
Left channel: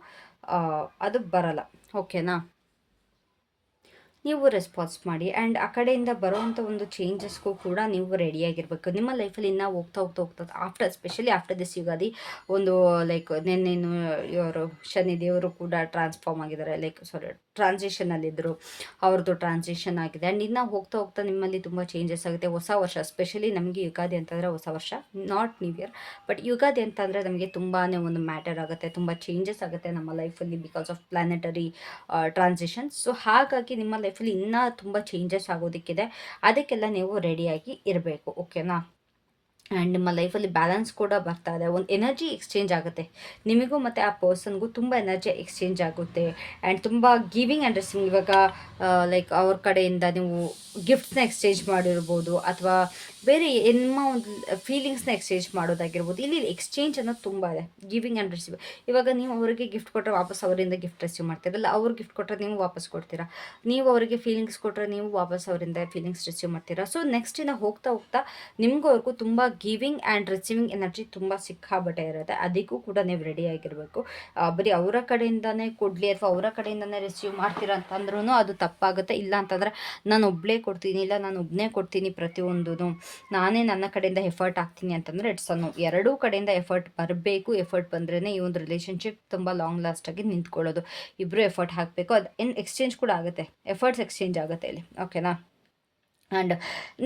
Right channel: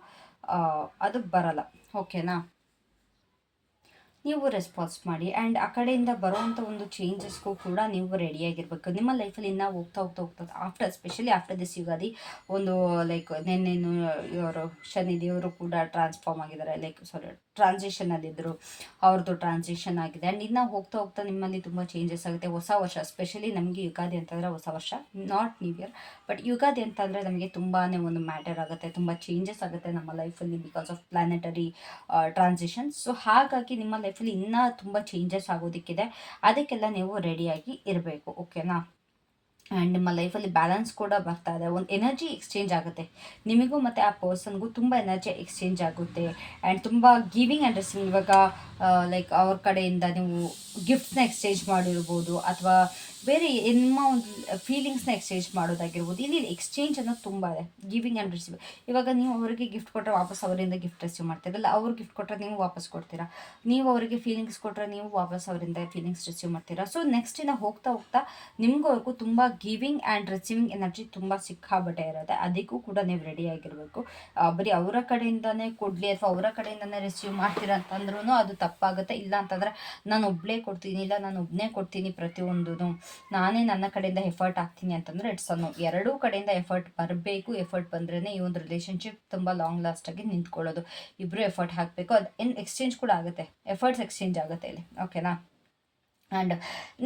ಅದು ಬರಲ್ಲ. ಓಕೆನಾ? ನೀವು ರೆಸ್ಪಾನ್ಸ್ ಮಾಡಿ ಆ್ಯಂಡ್ ಆ ಕಡೆಯಿಂದ ಬರುವಂಥ ಒಂದು ಚೇಂಜಸ್ಗೂ ಕೂಡ ನೀವು ರೆಡಿಯಾಗಿರ್ಬೇಕು ನಿಮ್ಮ ಲೈಫಲ್ಲಿ ಇನ್ನೂ ಹೋಗ್ತಾ ಹೋಗ್ತಾ ಹೋಗ್ತಾ after specially after this Ugadi ಒಂದು ಲೈಕ್ ನೆನ್ನೆನು ಇವರು ಶನಿ ದೇವರು ಕೂಡ ಟ್ರಾನ್ಸ್ಫಾರ್ಮ್ ಆಗಿದ್ದಾರೆ. ಲೈಕ್ ಸಾರಿ ಟ್ರಾನ್ಸಿಷನಲ್ಲಿದ್ದರು ಅವ್ರದ್ದು ಟ್ರಾನ್ಸಿಷನ್ ಆಗಿದೆ. ಆ್ಯಂಡ್ ಇನ್ನು ಹೋಗ್ತಾ ಹೋಗ್ತಾ ನಿಮ್ಮಲ್ಲಿ ತುಂಬ ಚೇಂಜಸ್ ಆಗುತ್ತೆ. ಹೊಸ ವರ್ಷ ಸ್ಪೆಷಲಿ ನಮಗೆ ಯುಗಾದಿ ಅಂತಂದರೆ ಹೊಸ ವರ್ಷ not new year but Ugadi ಅಂತಂದರೆ ನಮಗೆ ತುಂಬಾ ಒಂದು ಮ್ಯಾಟರ್ ಆಗುತ್ತೆ. ತುಂಬ ಚೇಂಜಸ್ ಆಗುತ್ತೆ ನಮ್ಮ ಲೈಫಲ್ಲಿ because of planetary transition so ಹಾಗಾಗಿ ನಿಮ್ಮ ಲೈಫಲ್ಲಿ ಇನ್ನೂ ತುಂಬ ಚೇಂಜಸ್ ಆಗೋದಕ್ಕಿದೆ. ಅದಕ್ಕೆಲ್ಲ ನೀವು ರೆಡಿಯಾಗಿ ಇರಬೇಕು. ಓಕೆನಾ ಆ್ಯಂಡ್ ನಿಮ್ಮ ಲೈಫಲ್ಲಿ ಬ್ಯಾಲೆನ್ಸ್ ಕೂಡ ಬರ್ತಾ ಇದೆ. ಒಂದು ಎನರ್ಜಿ ಎಕ್ಸ್ಚೇಂಜ್ ಆಗುತ್ತೆ. ನಿಮಗೂ ಮತ್ತು ಆ ಪರ್ಸನ್ಗೂ ತುಂಬ ಎನರ್ಜಿ ಎಕ್ಸ್ಚೇಂಜ್ ಆಗುತ್ತೆ. ಆ್ಯಂಡ್ ತುಂಬ ಗಿವಿಂಗ್ ಆ್ಯಂಡ್ ರಿಸೀವಿಂಗ್ ಇವಾಗ ಲೈಕ್ ಅವ್ರ ಕಡೆಯಿಂದ ನೀವು ಗಿಫ್ಟ್ಸ್ನ ಎಕ್ಸ್ಚೇಂಜ್ ಮಾಡಿರ್ಬೋದು, ಅಥವಾ ಬೇರೆ ಎನ್ಮ ಒಂದು ಫೀಲಿಂಗ್ಸ್ನ ಎಕ್ಸ್ಚೇಂಜ್ ಮಾಡೋದಾಗಿರ್ಬೋದು. ಇಲ್ಲಿ ಎಕ್ಸ್ಚೇಂಜ್ ಅನ್ನೋದು ತುಂಬ ಇದೆ. ಗಿವಿಂಗ್ ಆ್ಯಂಡ್ ರಿಸೀವ್ ಇವಾಗ ನೀವು ಅವರಿಗೆ ಗಿಫ್ಟ್ ಕೊಟ್ಟರೆ ವಾಪಸ್ ಅವರಿಂದ ಗಿಫ್ಟ್ ರಿಸೀವ್ ಮಾಡ್ತೀರಲ್ಲ, ಅವ್ರು ಗಿಫ್ಟ್ ಕೊಟ್ಟರೆ ನೀವು ವಾಪಸ್ ಕೊಡ್ತೀರಾ? ನೀವು ಅವರಿಗೆ ಫೀಲಿಂಗ್ಸ್ ಕೊಟ್ಟರೆ ನೀವು ವಾಪಸ್ ಅವರಿಂದ ಫೀಲಿಂಗ್ಸ್ ರಿಸೀವ್ ಮಾಡ್ತೀರಾ? ಸೊ ನೆಕ್ಸ್ಟ್ ಇನ್ನು ಹೋಗ್ತಾ ಹೋಗ್ತಾ ನಿಮಗೂ ಅವ್ರಿಗೂ ತುಂಬ ಗಿವಿಂಗ್ ಆ್ಯಂಡ್ ರಿಸೀವಿಂಗ್ ಎನರ್ಜಿ ತುಂಬ ಸಿಕ್ಕಾಬಟ್ಟೆ ಇರುತ್ತೆ. ಅದಕ್ಕೂ ಕೂಡ ನೀವು ರೆಡಿ ಆಗಿರಬೇಕು. ಬರೀ ಅವರ ಕಡೆಯಿಂದನೇ ಕೊಡಲಿ ಅಥವಾ ಅವರ ಕಡೆಯಿಂದನೇ ರಿಸೀವ್ ಮಾಡ್ತೀರಾ ಅಂತಂದ್ರೂ ಅದು ತಪ್ಪಾಗುತ್ತೆ. ಇಲ್ಲ ಅಂತಂದರೆ ನಾನು ಒಬ್ಬಳೇ ಕೊಡ್ತೀನಿ, ಇಲ್ಲ ನಾನು ಒಬ್ಬನೇ ಕೊಡ್ತೀನಿ ಪ್ರತಿಯೊಂದು ನಾನೇ ನನ್ನ ಕಡೆಯಿಂದ ಎಫರ್ಟ್ ಹಾಕ್ತೀನಿ ಅಂತಂದರೆ ಇಟ್ಸ್ ಅನ್ನು ಎರಡೂ ಕಡೆಯಿಂದ ಎಫರ್ಟ್ ಬರಬೇಕು. ಎಫರ್ಟ್ ಬಂದ್ರೇ ಈ ಒಂದು ರಿಲೇಷನ್ಶಿಪ್ ತುಂಬ ಲಾಂಗ್ ಲಾಸ್ಟಾಗಿ ನಿಂತ್ಕೊಳ್ಳೋದು. ಇಬ್ಬರು ಎಫರ್ಟ್ ಹಾಕಬೇಕು. ಅದು ಇನ್ ಎಕ್ಸ್ಚೇಂಜ್ ಕೂಡ ಆಗುತ್ತೆ. ಎಫರ್ಟ್ಸ್ ಎಕ್ಸ್ಚೇಂಜ್ ಆಗುತ್ತೆ ಇಲ್ಲಿ. ಓಕೆನಾ ಆ್ಯಂಡ್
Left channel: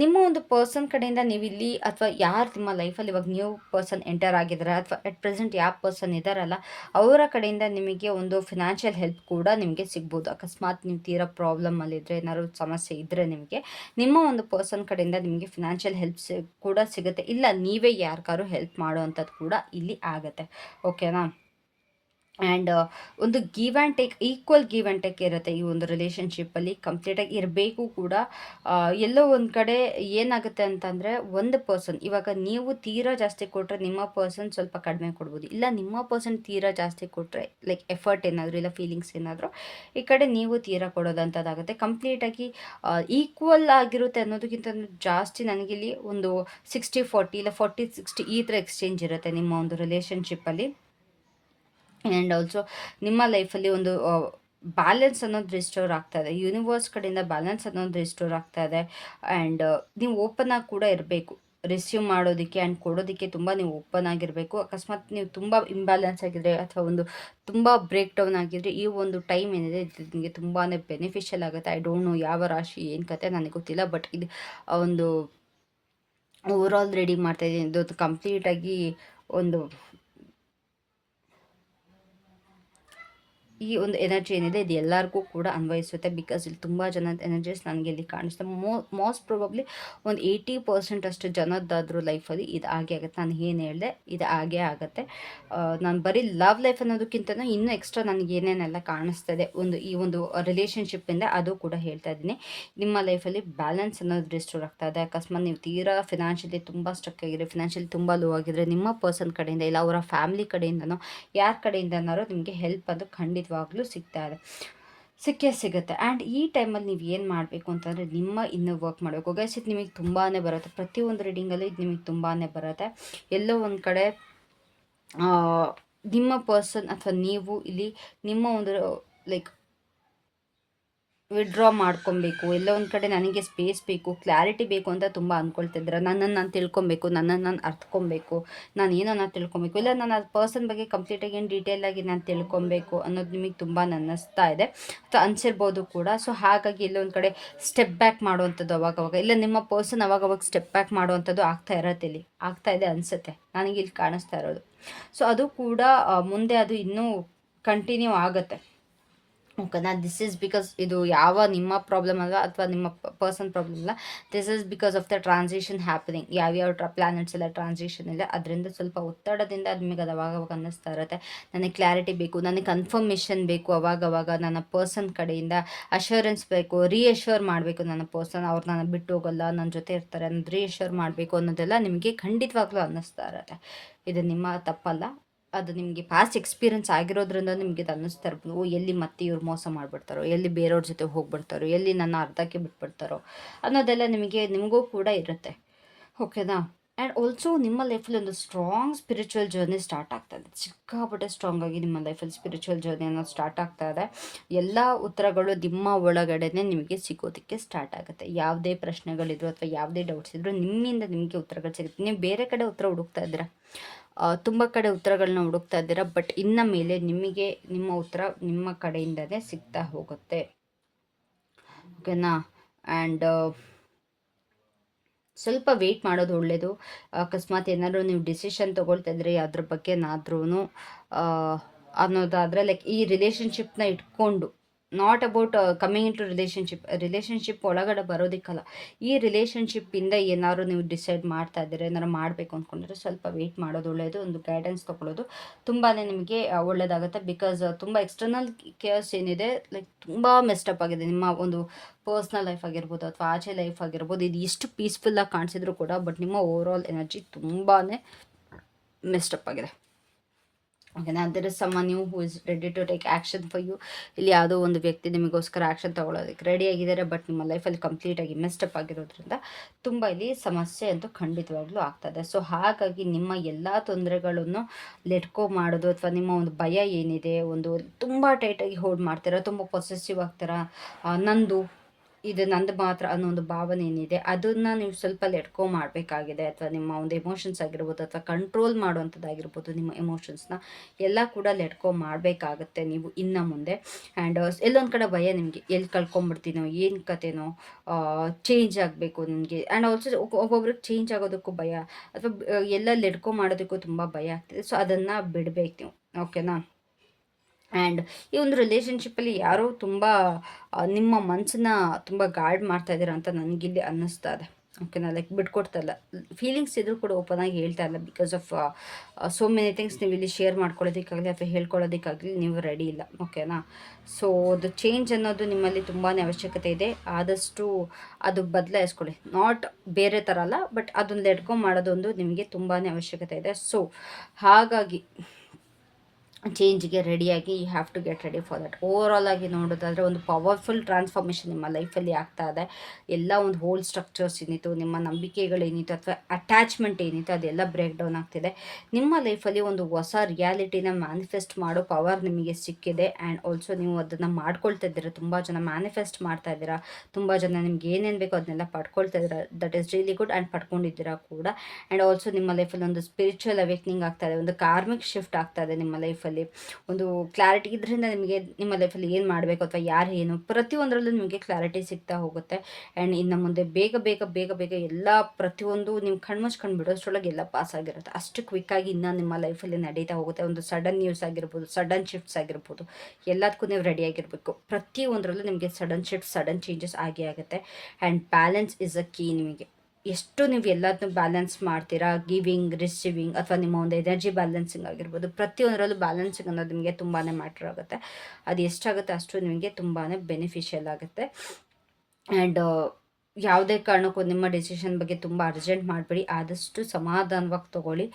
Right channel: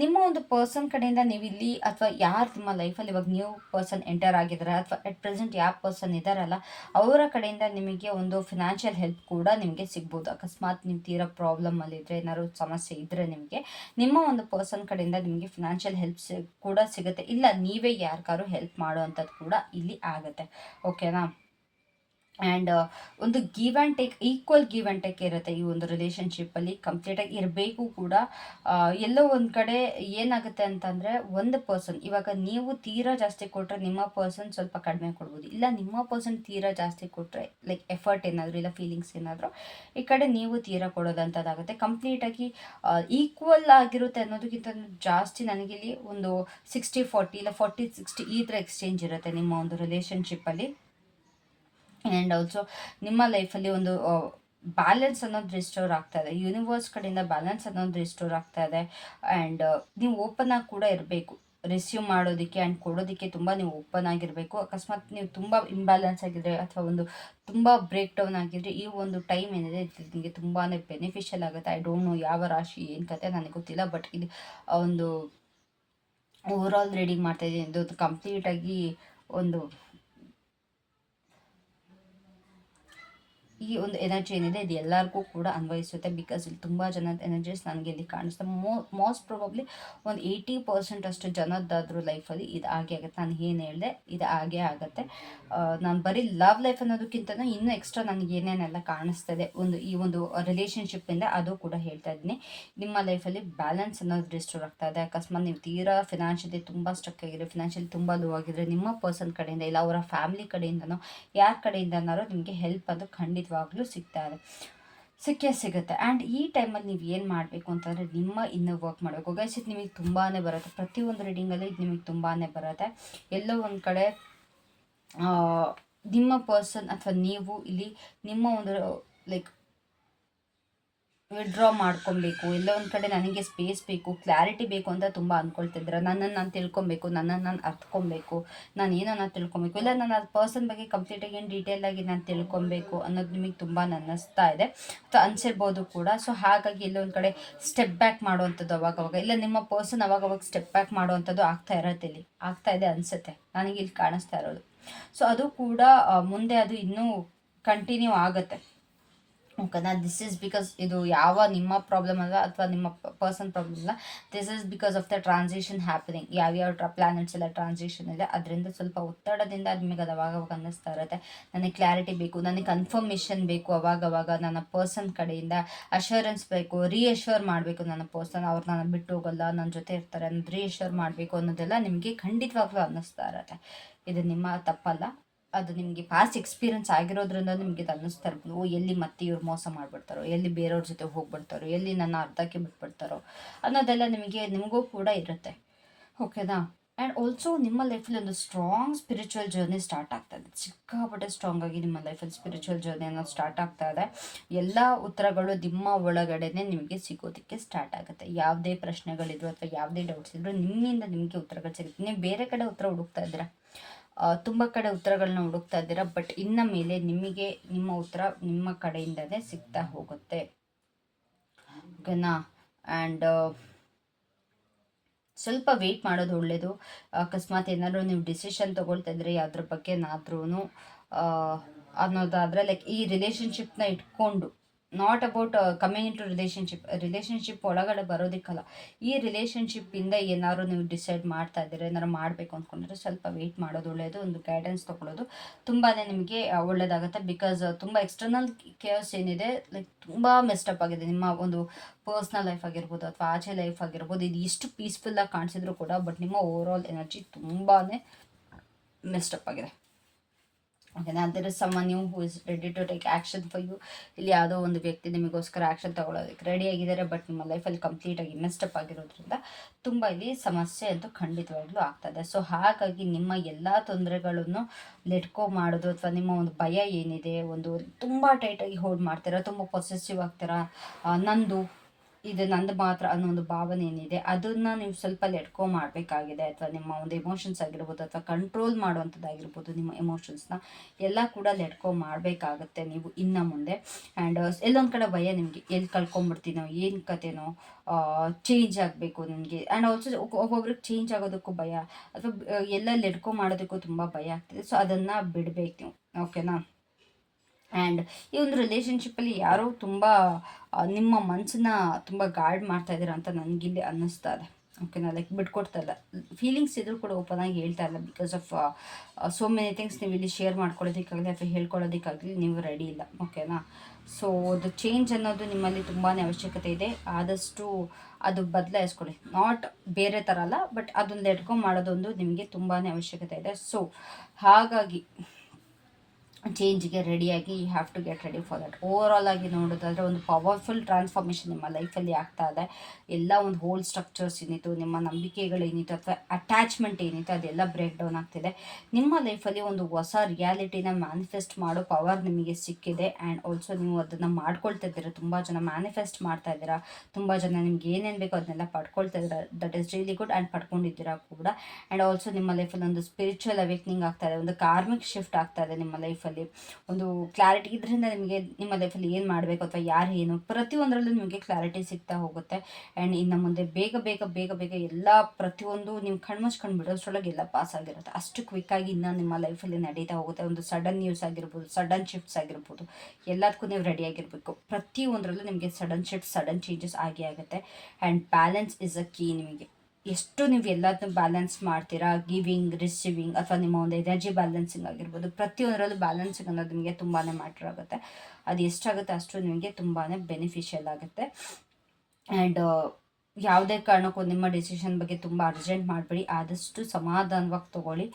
ನಿಮ್ಮ ಒಂದು ಪರ್ಸನ್ ಕಡೆಯಿಂದ ನೀವು ಇಲ್ಲಿ ಅಥವಾ ಯಾರು ನಿಮ್ಮ ಲೈಫಲ್ಲಿ ಇವಾಗ ನ್ಯೂ ಪರ್ಸನ್ ಎಂಟರ್ ಆಗಿದ್ದಾರೆ ಅಥವಾ ಎಟ್ ಪ್ರೆಸೆಂಟ್ ಯಾವ ಪರ್ಸನ್ ಇದ್ದಾರಲ್ಲ ಅವರ ಕಡೆಯಿಂದ ನಿಮಗೆ ಒಂದು ಫಿನಾನ್ಷಿಯಲ್ ಹೆಲ್ಪ್ ಕೂಡ ನಿಮಗೆ ಸಿಗ್ಬೋದು. ಅಕಸ್ಮಾತ್ ನೀವು ತೀರಾ ಪ್ರಾಬ್ಲಮಲ್ಲಿದ್ದರೆ ಏನಾದ್ರು ಸಮಸ್ಯೆ ಇದ್ದರೆ ನಿಮಗೆ, ನಿಮ್ಮ ಒಂದು ಪರ್ಸನ್ ಕಡೆಯಿಂದ ನಿಮಗೆ ಫಿನಾನ್ಷಿಯಲ್ ಹೆಲ್ಪ್ ಕೂಡ ಸಿಗುತ್ತೆ. ಇಲ್ಲ, ನೀವೇ ಯಾರಿಗಾರು ಹೆಲ್ಪ್ ಮಾಡುವಂಥದ್ದು ಕೂಡ ಇಲ್ಲಿ ಆಗುತ್ತೆ. ಓಕೆನಾ ಆ್ಯಂಡ್ uh, ಒಂದು give and take equal give and take ಇರುತ್ತೆ ಈ ಒಂದು ರಿಲೇಷನ್ಶಿಪ್ಪಲ್ಲಿ ಕಂಪ್ಲೀಟಾಗಿ ಇರಬೇಕು ಕೂಡ. ಎಲ್ಲೋ ಒಂದು ಕಡೆ ಏನಾಗುತ್ತೆ ಅಂತಂದರೆ ಒಂದು ಪರ್ಸನ್ ಇವಾಗ ನೀವು ತೀರಾ ಜಾಸ್ತಿ ಕೊಟ್ಟರೆ ನಿಮ್ಮ ಪರ್ಸನ್ ಸ್ವಲ್ಪ ಕಡಿಮೆ ಕೊಡ್ಬೋದು. ಇಲ್ಲ ನಿಮ್ಮ ಪರ್ಸನ್ ತೀರಾ ಜಾಸ್ತಿ ಕೊಟ್ಟರೆ ಲೈಕ್ ಎಫರ್ಟ್ ಏನಾದರೂ ಇಲ್ಲ ಫೀಲಿಂಗ್ಸ್ ಏನಾದರೂ ಈ ಕಡೆ ನೀವು ತೀರಾ ಕೊಡೋದಂಥದ್ದಾಗುತ್ತೆ ಕಂಪ್ಲೀಟಾಗಿ ಈಕ್ವಲ್ ಆಗಿರುತ್ತೆ ಅನ್ನೋದಕ್ಕಿಂತ ಜಾಸ್ತಿ ನನಗಿಲ್ಲಿ ಒಂದು ಸಿಕ್ಸ್ಟಿ ಫಾರ್ಟಿ ಇಲ್ಲ ಫಾರ್ಟಿ ಸಿಕ್ಸ್ಟಿ ಈ ಥರ ಎಕ್ಸ್ಚೇಂಜ್ ಇರುತ್ತೆ ನಿಮ್ಮ ಒಂದು ರಿಲೇಷನ್ಶಿಪ್ಪಲ್ಲಿ ಆ್ಯಂಡ್ ಆಲ್ಸೋ ನಿಮ್ಮ ಲೈಫಲ್ಲಿ ಒಂದು ಬ್ಯಾಲೆನ್ಸ್ ಅನ್ನೋದು ರಿಸ್ಟೋರ್ ಆಗ್ತಾ ಇದೆ. ಯೂನಿವರ್ಸ್ ಕಡೆಯಿಂದ ಬ್ಯಾಲೆನ್ಸ್ ಅನ್ನೋದು ರಿಸ್ಟೋರ್ ಆಗ್ತಾ ಇದೆ. ಆ್ಯಂಡ್ ನೀವು ಓಪನ್ ಆಗಿ ಕೂಡ ಇರಬೇಕು. ರಿಸೀವ್ ಮಾಡೋದಕ್ಕೆ ಆ್ಯಂಡ್ ಕೊಡೋದಕ್ಕೆ ತುಂಬ ನೀವು ಓಪನ್ ಆಗಿರಬೇಕು. ಅಕಸ್ಮಾತ್ ನೀವು ತುಂಬ ಇಂಬ್ಯಾಲೆನ್ಸ್ ಆಗಿದ್ರೆ ಅಥವಾ ಒಂದು ತುಂಬ ಬ್ರೇಕ್ ಡೌನ್ ಆಗಿದ್ರೆ ಈ ಒಂದು ಟೈಮ್ ಏನಿದೆ ನಿಮಗೆ ತುಂಬಾ ಬೆನಿಫಿಷಿಯಲ್ ಆಗುತ್ತೆ. ಐ ಡೋಂಟ್ ನೋ ಯಾವ ರಾಶಿ, ಏನು ಕತೆ, ನನಗೆ ಗೊತ್ತಿಲ್ಲ. ಬಟ್ ಇದು ಒಂದು ಓವರ್ ಆಲ್ ರೆಡಿ ಮಾಡ್ತಾಯಿದ್ದೀನಿ ಇದು ಕಂಪ್ಲೀಟಾಗಿ ಒಂದು ಈ ಒಂದು ಎನರ್ಜಿ ಏನಿದೆ ಇದು ಎಲ್ಲರಿಗೂ ಕೂಡ ಅನ್ವಯಿಸುತ್ತೆ ಬಿಕಾಸ್ ಇಲ್ಲಿ ತುಂಬ ಜನದ ಎನರ್ಜೀಸ್ ನನಗೆ ಇಲ್ಲಿ ಕಾಣಿಸುತ್ತೆ. ಮೋ ಮೋಸ್ಟ್ ಪ್ರೊಬಬ್ಲಿ ಒಂದು ಏಯ್ಟಿ ಪರ್ಸೆಂಟ್ ಅಷ್ಟು ಜನದ್ದಾದರೂ ಲೈಫಲ್ಲಿ ಇದು ಹಾಗೆ ಆಗುತ್ತೆ. ನಾನು ಏನು ಹೇಳಿದೆ, ಇದು ಹಾಗೆ ಆಗುತ್ತೆ. ನಾನು ಬರೀ ಲವ್ ಲೈಫ್ ಅನ್ನೋದಕ್ಕಿಂತ ಇನ್ನೂ ಎಕ್ಸ್ಟ್ರಾ ನನಗೆ ಏನೇನೆಲ್ಲ ಕಾಣಿಸ್ತದೆ ಒಂದು ಈ ಒಂದು ರಿಲೇಷನ್ಶಿಪ್ಪಿಂದ ಅದು ಕೂಡ ಹೇಳ್ತಾ ಇದ್ದೀನಿ. ನಿಮ್ಮ ಲೈಫಲ್ಲಿ ಬ್ಯಾಲೆನ್ಸ್ ಅನ್ನೋದು ರಿಸ್ಟೋರ್ ಆಗ್ತಾ ಇದೆ. ಅಕಸ್ಮಾತ್ ನೀವು ತೀರಾ ಫಿನಾನ್ಷಿಯಲಿ ತುಂಬ ಸ್ಟ್ರಕ್ ಆಗಿದ್ರೆ ಫಿನಾನ್ಷಿಯಲಿ ತುಂಬ ಲೋ ಆಗಿದ್ರೆ, ನಿಮ್ಮ ಪರ್ಸನ್ ಕಡೆಯಿಂದ ಇಲ್ಲ, ಅವರ ಫ್ಯಾಮಿಲಿ ಕಡೆಯಿಂದನೋ, ಯಾರ ಕಡೆಯಿಂದನಾರೋ ನಿಮಗೆ ಹೆಲ್ಪ್ ಅದು ಖಂಡಿತ ಸಿಗ್ತಾ ಇದೆ ಸಿಕ್ಕೇ ಸಿಗುತ್ತೆ. ಆ್ಯಂಡ್ ಈ ಟೈಮಲ್ಲಿ ನೀವು ಏನು ಮಾಡಬೇಕು ಅಂತಂದರೆ ನಿಮ್ಮ ಇನ್ನೂ ವರ್ಕ್ ಮಾಡಬೇಕು. ಗೈಸ್ ಇದು ನಿಮಗೆ ತುಂಬಾ ಬರುತ್ತೆ. ಪ್ರತಿಯೊಂದು ರೀಡಿಂಗಲ್ಲೂ ಇದು ನಿಮಗೆ ತುಂಬಾ ಬರುತ್ತೆ. ಎಲ್ಲೋ ಒಂದು ಕಡೆ ನಿಮ್ಮ ಪರ್ಸನ್ ಅಥವಾ ನೀವು ಇಲ್ಲಿ ನಿಮ್ಮ ಒಂದು ಲೈಕ್ ವಿಡ್ರಾ ಮಾಡ್ಕೊಬೇಕು. ಎಲ್ಲ ಒಂದು ಕಡೆ ನನಗೆ ಸ್ಪೇಸ್ ಬೇಕು ಕ್ಲಾರಿಟಿ ಬೇಕು ಅಂತ ತುಂಬ ಅಂದ್ಕೊಳ್ತಿದ್ರೆ ನನ್ನನ್ನು ನಾನು ತಿಳ್ಕೊಬೇಕು, ನನ್ನನ್ನು ನಾನು ಅರ್ಥಕೊಬೇಕು ನಾನು ಏನೋ ನಾನು ತಿಳ್ಕೊಬೇಕು ಇಲ್ಲ, ನಾನು ಅದು ಪರ್ಸನ್ ಬಗ್ಗೆ ಕಂಪ್ಲೀಟಾಗಿ ಏನು ಡೀಟೇಲಾಗಿ ನಾನು ತಿಳ್ಕೊಬೇಕು ಅನ್ನೋದು ನಿಮಗೆ ತುಂಬ ಅನ್ನಿಸ್ತಾ ಇದೆ. ಅಥವಾ ಅನಿಸಿರ್ಬೋದು ಕೂಡ. ಸೊ ಹಾಗಾಗಿ ಒಂದು ಕಡೆ ಸ್ಟೆಪ್ ಬ್ಯಾಕ್ ಮಾಡುವಂಥದ್ದು ಅವಾಗ ಅವಾಗ. ಇಲ್ಲ, ನಿಮ್ಮ ಪರ್ಸನ್ ಅವಾಗವಾಗ ಅವಾಗ ಸ್ಟೆಪ್ ಬ್ಯಾಕ್ ಮಾಡುವಂಥದ್ದು ಆಗ್ತಾ ಇರತ್ತೆ ಇಲ್ಲಿ. ಆಗ್ತಾ ಇದೆ ಅನಿಸುತ್ತೆ. ನನಗೆ ಇಲ್ಲಿ ಕಾಣಿಸ್ತಾ ಇರೋದು. ಸೊ ಅದು ಕೂಡ ಮುಂದೆ ಅದು ಇನ್ನೂ ಕಂಟಿನ್ಯೂ ಆಗುತ್ತೆ. ಓಕೆನಾ ದಿಸ್ ಇಸ್ ಬಿಕಾಸ್ ಇದು ಯಾವ ನಿಮ್ಮ ಪ್ರಾಬ್ಲಮ್ ಅಲ್ಲ ಅಥವಾ ನಿಮ್ಮ ಪರ್ಸನ್ ಪ್ರಾಬ್ಲಮ್ ಅಲ್ಲ this is because of the transition happening ಯಾವ್ಯಾವ ಟ್ರ ಪ್ಲಾನೆಟ್ಸ್ ಎಲ್ಲ ಟ್ರಾನ್ಸಿಷನ್ ಇದೆ, ಅದರಿಂದ ಸ್ವಲ್ಪ ಒತ್ತಡದಿಂದ ನಿಮಗೆ ಅದು ಅವಾಗ ಅವಾಗ ಅನ್ನಿಸ್ತಾ ಇರುತ್ತೆ. ನನಗೆ ಕ್ಲಾರಿಟಿ ಬೇಕು, ನನಗೆ ಕನ್ಫರ್ಮೇಷನ್ ಬೇಕು ಅವಾಗ ಅವಾಗ ನನ್ನ ಪರ್ಸನ್ ಕಡೆಯಿಂದ ಅಶ್ಯೂರೆನ್ಸ್ ಬೇಕು ರೀಅಶ್ಯೂರ್ ಮಾಡಬೇಕು ನನ್ನ ಪರ್ಸನ್ ಅವ್ರು ನಾನು ಬಿಟ್ಟು ಹೋಗಲ್ಲ ನನ್ನ ಜೊತೆ ಇರ್ತಾರೆ ಅನ್ನೋದು ರೀಅಶ್ಯೂರ್ ಮಾಡಬೇಕು ಅನ್ನೋದೆಲ್ಲ ನಿಮಗೆ ಖಂಡಿತವಾಗ್ಲೂ ಅನ್ನಿಸ್ತಾ ಇರುತ್ತೆ. ಇದು ನಿಮ್ಮ ತಪ್ಪಲ್ಲ. ಅದು ನಿಮಗೆ ಪಾಸ್ಟ್ ಎಕ್ಸ್ಪೀರಿಯನ್ಸ್ ಆಗಿರೋದ್ರಿಂದ ನಿಮಗೆ ಅದು ಅನ್ನಿಸ್ತಾ ಇರ್ಬೋದು. ಎಲ್ಲಿ ಮತ್ತೆ ಇವ್ರು ಮೋಸ ಮಾಡಿಬಿಡ್ತಾರೋ, ಎಲ್ಲಿ ಬೇರೆಯವ್ರ ಜೊತೆ ಹೋಗ್ಬಿಡ್ತಾರೋ, ಎಲ್ಲಿ ನನ್ನ ಅರ್ಧಕ್ಕೆ ಬಿಟ್ಬಿಡ್ತಾರೋ ಅನ್ನೋದೆಲ್ಲ ನಿಮಗೆ, ನಿಮಗೂ ಕೂಡ ಇರುತ್ತೆ. ಓಕೆನಾ ಆ್ಯಂಡ್ ಆಲ್ಸೋ ನಿಮ್ಮ ಲೈಫಲ್ಲಿ ಒಂದು ಸ್ಟ್ರಾಂಗ್ ಸ್ಪಿರಿಚುವಲ್ ಜರ್ನಿ ಸ್ಟಾರ್ಟ್ ಆಗ್ತಾ ಇದೆ. ಸಿಕ್ಕಾಪಟ್ಟೆ ಸ್ಟ್ರಾಂಗ್ ಆಗಿ ನಿಮ್ಮ ಲೈಫಲ್ಲಿ ಸ್ಪಿರಿಚುವಲ್ ಜರ್ನಿ ಅನ್ನೋದು ಸ್ಟಾರ್ಟ್ ಆಗ್ತಾ ಇದೆ. ಎಲ್ಲ ಉತ್ತರಗಳು ನಿಮ್ಮ ಒಳಗಡೆನೆ ನಿಮಗೆ ಸಿಗೋದಕ್ಕೆ ಸ್ಟಾರ್ಟ್ ಆಗುತ್ತೆ. ಯಾವುದೇ ಪ್ರಶ್ನೆಗಳಿದ್ರು ಅಥವಾ ಯಾವುದೇ ಡೌಟ್ಸ್ ಇದ್ದರೂ ನಿಮ್ಮಿಂದ ನಿಮಗೆ ಉತ್ತರಗಳು ಸಿಗುತ್ತೆ. ನೀವು ಬೇರೆ ಕಡೆ ಉತ್ತರ ಹುಡುಕ್ತಾ ಇದ್ದೀರಾ? ತುಂಬ ಕಡೆ ಉತ್ತರಗಳನ್ನ ಹುಡುಕ್ತಾ ಇದ್ದೀರಾ ಬಟ್ ಇನ್ನ ಮೇಲೆ ನಿಮಗೆ ನಿಮ್ಮ ಉತ್ತರ ನಿಮ್ಮ ಕಡೆಯಿಂದನೇ ಸಿಗ್ತಾ ಹೋಗುತ್ತೆ. ಓಕೆನಾ? ಆ್ಯಂಡ್ ಸ್ವಲ್ಪ ವೆಯ್ಟ್ ಮಾಡೋದು ಒಳ್ಳೆಯದು ಅಕಸ್ಮಾತ್ ಏನಾದರೂ ನೀವು ಡಿಸಿಷನ್ ತೊಗೊಳ್ತಾ ಇದ್ರೆ ಅದ್ರ ಬಗ್ಗೆನಾದ್ರೂ ಅನ್ನೋದಾದರೆ ಲೈಕ್ ಈ ರಿಲೇಷನ್ಶಿಪ್ನ ಇಟ್ಕೊಂಡು not about coming in to relationship relationship ಒಳಗಡೆ ಬರೋದಕ್ಕಲ್ಲ. ಈ ರಿಲೇಷನ್ಶಿಪ್ಪಿಂದ ಏನಾದ್ರು ನೀವು ಡಿಸೈಡ್ ಮಾಡ್ತಾ ಇದ್ದೀರ ಏನಾರು ಮಾಡಬೇಕು ಅಂದ್ಕೊಂಡ್ರೆ ಸ್ವಲ್ಪ ವೆಯ್ಟ್ ಮಾಡೋದು ಒಳ್ಳೆಯದು ಒಂದು ಗೈಡೆನ್ಸ್ ತೊಗೊಳ್ಳೋದು. ತುಂಬಾ ನಿಮಗೆ ಒಳ್ಳೆಯದಾಗುತ್ತೆ ಬಿಕಾಸ್ ತುಂಬ ಎಕ್ಸ್ಟರ್ನಲ್ ಕೇರ್ಸ್ ಏನಿದೆ ಲೈಕ್ ತುಂಬ ಮೆಸ್ಟಪ್ ಆಗಿದೆ. ನಿಮ್ಮ ಒಂದು ಪರ್ಸ್ನಲ್ ಲೈಫ್ ಆಗಿರ್ಬೋದು ಅಥವಾ ಆಚೆ ಲೈಫ್ ಆಗಿರ್ಬೋದು, ಇದು ಎಷ್ಟು ಪೀಸ್ಫುಲ್ಲಾಗಿ ಕಾಣಿಸಿದ್ರು ಕೂಡ ಬಟ್ ನಿಮ್ಮ ಓವರ್ ಆಲ್ ಎನರ್ಜಿ ತುಂಬಾ ಮೆಸ್ಟಪ್ ಆಗಿದೆ. Okay there is some who is ready to take action for you ಇಲ್ಲಿ ಯಾವುದೋ ಒಂದು ವ್ಯಕ್ತಿ ನಿಮಗೋಸ್ಕರ ಆ್ಯಕ್ಷನ್ ತೊಗೊಳೋದಕ್ಕೆ ರೆಡಿ ಆಗಿದ್ದಾರೆ ಬಟ್ ನಿಮ್ಮ ಲೈಫಲ್ಲಿ ಕಂಪ್ಲೀಟಾಗಿ ಮೆಸ್ಟಪ್ ಆಗಿರೋದ್ರಿಂದ ತುಂಬ ಇಲ್ಲಿ ಸಮಸ್ಯೆ ಅಂತೂ ಖಂಡಿತವಾಗ್ಲೂ ಆಗ್ತದೆ ಸೊ ಹಾಗಾಗಿ ನಿಮ್ಮ ಎಲ್ಲ ತೊಂದರೆಗಳನ್ನು ಲೆಟ್ಕೋ ಮಾಡೋದು ಅಥವಾ ನಿಮ್ಮ ಒಂದು ಭಯ ಏನಿದೆ, ಒಂದು ತುಂಬ ಟೈಟಾಗಿ ಹೋಲ್ಡ್ ಮಾಡ್ತೀರಾ, ತುಂಬ ಪೊಸೆಸಿವ್ ಆಗ್ತೀರಾ ನಂದು ಇದು ನಂದು ಮಾತ್ರ ಅನ್ನೋ ಒಂದು ಭಾವನೆ ಏನಿದೆ, ಅದನ್ನು ನೀವು ಸ್ವಲ್ಪ ಲೆಟ್ಕೋ ಮಾಡಬೇಕಾಗಿದೆ ಅಥವಾ ನಿಮ್ಮ ಒಂದು ಎಮೋಷನ್ಸ್ ಆಗಿರ್ಬೋದು ಅಥವಾ ಕಂಟ್ರೋಲ್ ಮಾಡುವಂಥದ್ದಾಗಿರ್ಬೋದು ನಿಮ್ಮ ಎಮೋಷನ್ಸ್ನ ಎಲ್ಲ ಕೂಡ ಲೆಟ್ಕೋ ಮಾಡಬೇಕಾಗತ್ತೆ ನೀವು ಇನ್ನು ಮುಂದೆ. ಆ್ಯಂಡ್ ಎಲ್ಲೊಂದು ಕಡೆ ಭಯ ನಿಮಗೆ ಎಲ್ಲಿ ಕಳ್ಕೊಂಬಿಡ್ತೀನೋ, ಏನು ಕತೆನೋ ಚೇಂಜ್ ಆಗಬೇಕು ನನಗೆ ಆ್ಯಂಡ್ ಆಲ್ಸೋ ಒಬ್ಬೊಬ್ರಿಗೆ ಚೇಂಜ್ ಆಗೋದಕ್ಕೂ ಭಯ, ಅಥವಾ ಎಲ್ಲ ಲೆಟ್ಕೋ ಮಾಡೋದಕ್ಕೂ ತುಂಬ ಭಯ ಆಗ್ತಿದೆ. ಸೊ ಅದನ್ನು ಬಿಡಬೇಕು ನೀವು. ಓಕೆನಾ ಆ್ಯಂಡ್ ಈ ಒಂದು ರಿಲೇಷನ್ಶಿಪ್ಪಲ್ಲಿ ಯಾರೋ ತುಂಬ ನಿಮ್ಮ ಮನಸ್ಸನ್ನ ತುಂಬ ಗಾರ್ಡ್ ಮಾಡ್ತಾ ಇದ್ದೀರಾ ಅಂತ ನನಗಿಲ್ಲಿ ಅನ್ನಿಸ್ತಾ ಇದೆ. ಓಕೆನಾ ಲೈಕ್ ಬಿಟ್ಕೊಡ್ತಾ ಇಲ್ಲ. ಫೀಲಿಂಗ್ಸ್ ಇದ್ರೂ ಕೂಡ ಓಪನ್ ಆಗಿ ಹೇಳ್ತಾ ಇಲ್ಲ because of so many things ನೀವು ಇಲ್ಲಿ ಶೇರ್ ಮಾಡ್ಕೊಳ್ಳೋದಕ್ಕಾಗಲಿ ಅಥವಾ ಹೇಳ್ಕೊಳ್ಳೋದಕ್ಕಾಗಲಿ ನೀವು ರೆಡಿ ಇಲ್ಲ. ಓಕೆನಾ ಸೊ ಅದು ಚೇಂಜ್ ಅನ್ನೋದು ನಿಮ್ಮಲ್ಲಿ ತುಂಬಾ ಅವಶ್ಯಕತೆ ಇದೆ. ಆದಷ್ಟು ಅದು ಬದಲಾಯಿಸ್ಕೊಳ್ಳಿ. ನಾಟ್ ಬೇರೆ ಥರ ಅಲ್ಲ ಬಟ್ ಅದನ್ನ ಲೆಟ್ಕೊ ಮಾಡೋದೊಂದು ನಿಮಗೆ ತುಂಬಾ ಅವಶ್ಯಕತೆ ಇದೆ. ಸೊ ಹಾಗಾಗಿ ಚೇಂಜ್ಗೆ ರೆಡಿಯಾಗಿ you have to get ready for that over ಆಗಿ ನೋಡೋದಾದರೆ ಒಂದು ಪವರ್ಫುಲ್ ಟ್ರಾನ್ಸ್ಫಾರ್ಮೇಷನ್ ನಿಮ್ಮ ಲೈಫಲ್ಲಿ ಆಗ್ತಾ ಇದೆ. ಎಲ್ಲ ಒಂದು ಹೋಲ್ ಸ್ಟ್ರಕ್ಚರ್ಸ್ ಏನಿತ್ತು, ನಿಮ್ಮ ನಂಬಿಕೆಗಳೇನಿತ್ತು ಅಥವಾ ಅಟ್ಯಾಚ್ಮೆಂಟ್ ಏನಿತ್ತು, ಅದೆಲ್ಲ ಬ್ರೇಕ್ ಡೌನ್ ಆಗ್ತಿದೆ. ನಿಮ್ಮ ಲೈಫಲ್ಲಿ ಒಂದು ಹೊಸ ರಿಯಾಲಿಟಿನ ಮ್ಯಾನಿಫೆಸ್ಟ್ ಮಾಡೋ ಪವರ್ ನಿಮಗೆ ಸಿಕ್ಕಿದೆ. ಆ್ಯಂಡ್ ಆಲ್ಸೋ ನೀವು ಅದನ್ನು ಮಾಡ್ಕೊಳ್ತಾ ಇದ್ದೀರಾ, ತುಂಬ ಜನ ಮ್ಯಾನಿಫೆಸ್ಟ್ ಮಾಡ್ತಾ ಇದ್ದೀರಾ, ತುಂಬ ಜನ ನಿಮ್ಗೆ ಏನೇನು ಬೇಕೋ ಅದನ್ನೆಲ್ಲ ಪಡ್ಕೊಳ್ತಾ ಇದ್ದೀರಾ. That is really good and ಪಡ್ಕೊಂಡಿದ್ದೀರಾ ಕೂಡ. ಆ್ಯಂಡ್ ಆಲ್ಸೋ ನಿಮ್ಮ ಲೈಫಲ್ಲಿ ಒಂದು ಸ್ಪಿರಿಚುವಲ್ ಅವೇಕ್ನಿಂಗ್ ಆಗ್ತಾ ಇದೆ, ಒಂದು ಕಾರ್ಮಿಕ್ ಶಿಫ್ಟ್ ಆಗ್ತಾ ಇದೆ ನಿಮ್ಮ ಲೈಫಲ್ಲಿ ಲೈಫಲ್ಲಿ ಒಂದು ಕ್ಲಾರಿಟಿ ಇದರಿಂದ ನಿಮಗೆ ನಿಮ್ಮ ಲೈಫಲ್ಲಿ ಏನು ಮಾಡಬೇಕು ಅಥವಾ ಯಾರು ಏನು, ಪ್ರತಿಯೊಂದರಲ್ಲೂ ನಿಮಗೆ ಕ್ಲಾರಿಟಿ ಸಿಗ್ತಾ ಹೋಗುತ್ತೆ. ಆ್ಯಂಡ್ ಇನ್ನು ಮುಂದೆ ಬೇಗ ಬೇಗ ಬೇಗ ಬೇಗ ಎಲ್ಲ ಪ್ರತಿಯೊಂದು ನೀವು ಕಣ್ಮುಚ್ಕೊಂಡು ಬಿಡೋಷ್ಟರೊಳಗೆ ಎಲ್ಲ ಪಾಸ್ ಆಗಿರುತ್ತೆ. ಅಷ್ಟು ಕ್ವಿಕ್ಕಾಗಿ ಇನ್ನೂ ನಿಮ್ಮ ಲೈಫಲ್ಲಿ ನಡೀತಾ ಹೋಗುತ್ತೆ. ಒಂದು ಸಡನ್ ನ್ಯೂಸ್ ಆಗಿರ್ಬೋದು ಸಡನ್ ಶಿಫ್ಟ್ಸ್ ಆಗಿರ್ಬೋದು, ಎಲ್ಲದಕ್ಕೂ ನೀವು ರೆಡಿ ಆಗಿರಬೇಕು. ಪ್ರತಿಯೊಂದರಲ್ಲೂ ನಿಮಗೆ ಸಡನ್ ಶಿಫ್ಟ್ ಸಡನ್ ಚೇಂಜಸ್ ಆಗಿ ಆಗುತ್ತೆ. And balance is a key ನಿಮಗೆ. ಎಷ್ಟು ನೀವು ಎಲ್ಲದನ್ನು ಬ್ಯಾಲೆನ್ಸ್ ಮಾಡ್ತೀರಾ? ಗಿವಿಂಗ್ ರಿಸೀವಿಂಗ್ ಅಥವಾ ನಿಮ್ಮ ಒಂದು ಎನರ್ಜಿ ಬ್ಯಾಲೆನ್ಸಿಂಗ್ ಆಗಿರ್ಬೋದು. ಪ್ರತಿಯೊಂದರಲ್ಲೂ ಬ್ಯಾಲೆನ್ಸಿಂಗ್ ಅನ್ನೋದು ನಿಮಗೆ ತುಂಬಾ ಮ್ಯಾಟ್ರ್ ಆಗುತ್ತೆ. ಅದು ಎಷ್ಟಾಗುತ್ತೆ ಅಷ್ಟು ನಿಮಗೆ ತುಂಬಾ ಬೆನಿಫಿಷಿಯಲ್ ಆಗುತ್ತೆ. ಆ್ಯಂಡ್ ಯಾವುದೇ ಕಾರಣಕ್ಕೂ ನಿಮ್ಮ ಡಿಸಿಷನ್ ಬಗ್ಗೆ ತುಂಬ ಅರ್ಜೆಂಟ್ ಮಾಡಬೇಡಿ. ಆದಷ್ಟು ಸಮಾಧಾನವಾಗಿ ತೊಗೊಳ್ಳಿ.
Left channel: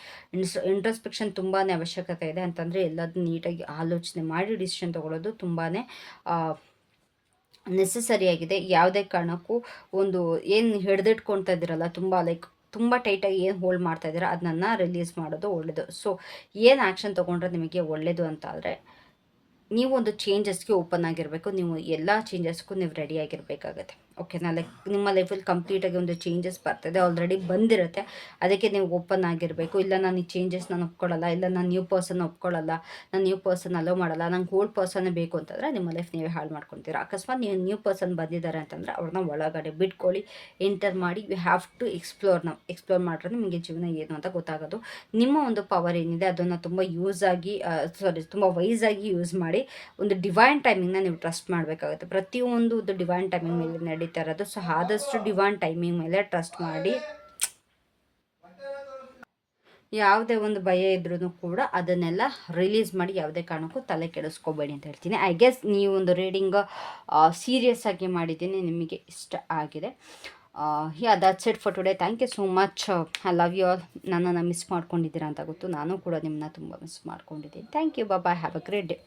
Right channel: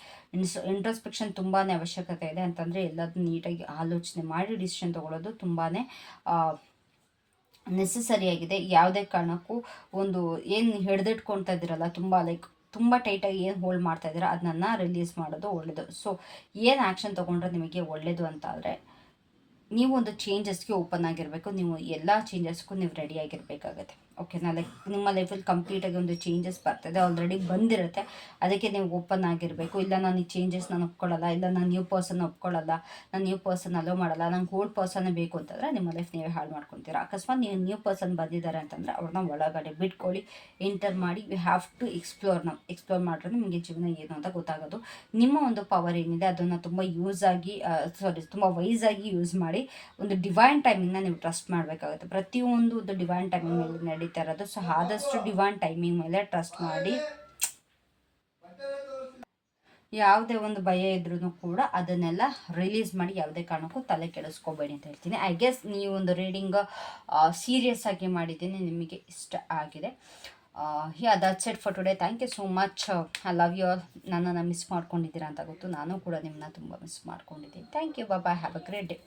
ಇಂಟ್ರಸ್ಪೆಕ್ಷನ್ ತುಂಬಾ ಅವಶ್ಯಕತೆ ಇದೆ. ಅಂತಂದರೆ ಎಲ್ಲದನ್ನು ನೀಟಾಗಿ ಆಲೋಚನೆ ಮಾಡಿ ಡಿಸಿಷನ್ ತೊಗೊಳ್ಳೋದು ತುಂಬಾ ನೆಸಸರಿಯಾಗಿದೆ ಯಾವುದೇ ಕಾರಣಕ್ಕೂ ಒಂದು ಏನು ಹಿಡ್ದಿಟ್ಕೊಳ್ತಾ ಇದ್ದೀರಲ್ಲ ತುಂಬ ಲೈಕ್ ತುಂಬ ಟೈಟಾಗಿ ಏನು ಹೋಲ್ಡ್ ಮಾಡ್ತಾ ಇದ್ದೀರ ಅದನ್ನ ರಿಲೀಸ್ ಮಾಡೋದು ಒಳ್ಳೆಯದು ಸೊ ಏನು ಆ್ಯಕ್ಷನ್ ತೊಗೊಂಡ್ರೆ ನಿಮಗೆ ಒಳ್ಳೆಯದು ಅಂತ ಆದರೆ ನೀವು ಒಂದು ಚೇಂಜಸ್ಗೆ ಓಪನ್ ಆಗಿರಬೇಕು. ನೀವು ಎಲ್ಲ ಚೇಂಜಸ್ಗೂ ನೀವು ರೆಡಿ ಆಗಿರಬೇಕಾಗತ್ತೆ. ಓಕೆನಾ ಲೈಕ್ ನಿಮ್ಮ ಲೈಫಲ್ಲಿ ಕಂಪ್ಲೀಟಾಗಿ ಒಂದು ಚೇಂಜಸ್ ಬರ್ತದೆ ಆಲ್ರೆಡಿ ಬಂದಿರುತ್ತೆ. ಅದಕ್ಕೆ ನೀವು ಓಪನ್ ಆಗಿರಬೇಕು. ಇಲ್ಲ ನಾನು ಈ ಚೇಂಜಸ್ ನಾನು ಒಪ್ಕೊಳ್ಳಲ್ಲ, ಇಲ್ಲ ನಾನು ನ್ಯೂ ಪರ್ಸನ್ ಒಪ್ಕೊಳ್ಳಲ್ಲ, ನಾನು ನ್ಯೂ ಪರ್ಸನ್ ಅಲೋ ಮಾಡಲ್ಲ, ನಂಗೆ ಓಲ್ಡ್ ಪರ್ಸನ್ನೇ ಬೇಕು ಅಂತಂದರೆ ನಿಮ್ಮ ಲೈಫ್ ನೀವೇ ಹಾಳು ಮಾಡ್ಕೊತೀರ. ಅಕಸ್ಮಾತ್ ನೀವು ನ್ಯೂ ಪರ್ಸನ್ ಬಂದಿದ್ದಾರೆ ಅಂತಂದರೆ ಅವ್ರನ್ನ ಒಳಗಡೆ ಬಿಟ್ಕೊಳ್ಳಿ ಎಂಟರ್ ಮಾಡಿ ಯು ಹ್ಯಾವ್ ಟು ಎಕ್ಸ್ಪ್ಲೋರ್ ನಾವು ಎಕ್ಸ್ಪ್ಲೋರ್ ಮಾಡಿದ್ರೆ ನಿಮಗೆ ಜೀವನ ಏನು ಅಂತ ಗೊತ್ತಾಗೋದು. ನಿಮ್ಮ ಒಂದು ಪವರ್ ಏನಿದೆ ಅದನ್ನು ತುಂಬ ಯೂಸ್ ಆಗಿ ಸಾರಿ ತುಂಬ ವೈಸ್ ಆಗಿ ಯೂಸ್ ಮಾಡಿ, ಒಂದು ಡಿವೈನ್ ಟೈಮಿಂಗ್ನ ನೀವು ಟ್ರಸ್ಟ್ ಮಾಡಬೇಕಾಗುತ್ತೆ. ಪ್ರತಿಯೊಂದು ಡಿವೈನ್ ಟೈಮಿಂಗ್ ಮೇಲೆ ನಡೀತಾ ಅದು ಸೊ ಆದಷ್ಟು ಡಿವಾನ್ ಟೈಮಿಂಗ್ ಮೇಲೆ ಟ್ರಸ್ಟ್ ಮಾಡಿ. ಯಾವುದೇ ಒಂದು ಭಯ ಇದ್ರೂ ಕೂಡ ಅದನ್ನೆಲ್ಲ ರಿಲೀಸ್ ಮಾಡಿ ಯಾವುದೇ ಕಾರಣಕ್ಕೂ ತಲೆ ಕೆಡಿಸ್ಕೋಬೇಡಿ ಅಂತ ಹೇಳ್ತೀನಿ. ಐ ಗೆಸ್ ನೀವು ಒಂದು ರೀಡಿಂಗ್ ಸೀರಿಯಸ್ ಆಗಿ ಮಾಡಿದ್ದೀನಿ, ನಿಮಗೆ ಇಷ್ಟ ಆಗಿದೆ. Yeah that's it for today thank you so much I love you all ನನ್ನನ್ನು ಮಿಸ್ ಮಾಡ್ಕೊಂಡಿದ್ದೀರಾ ಅಂತ ಗೊತ್ತು. ನಾನು ಕೂಡ ನಿಮ್ಮನ್ನ ತುಂಬ ಮಿಸ್ ಮಾಡ್ಕೊಂಡಿದ್ದೀನಿ. Thank you bye have a great day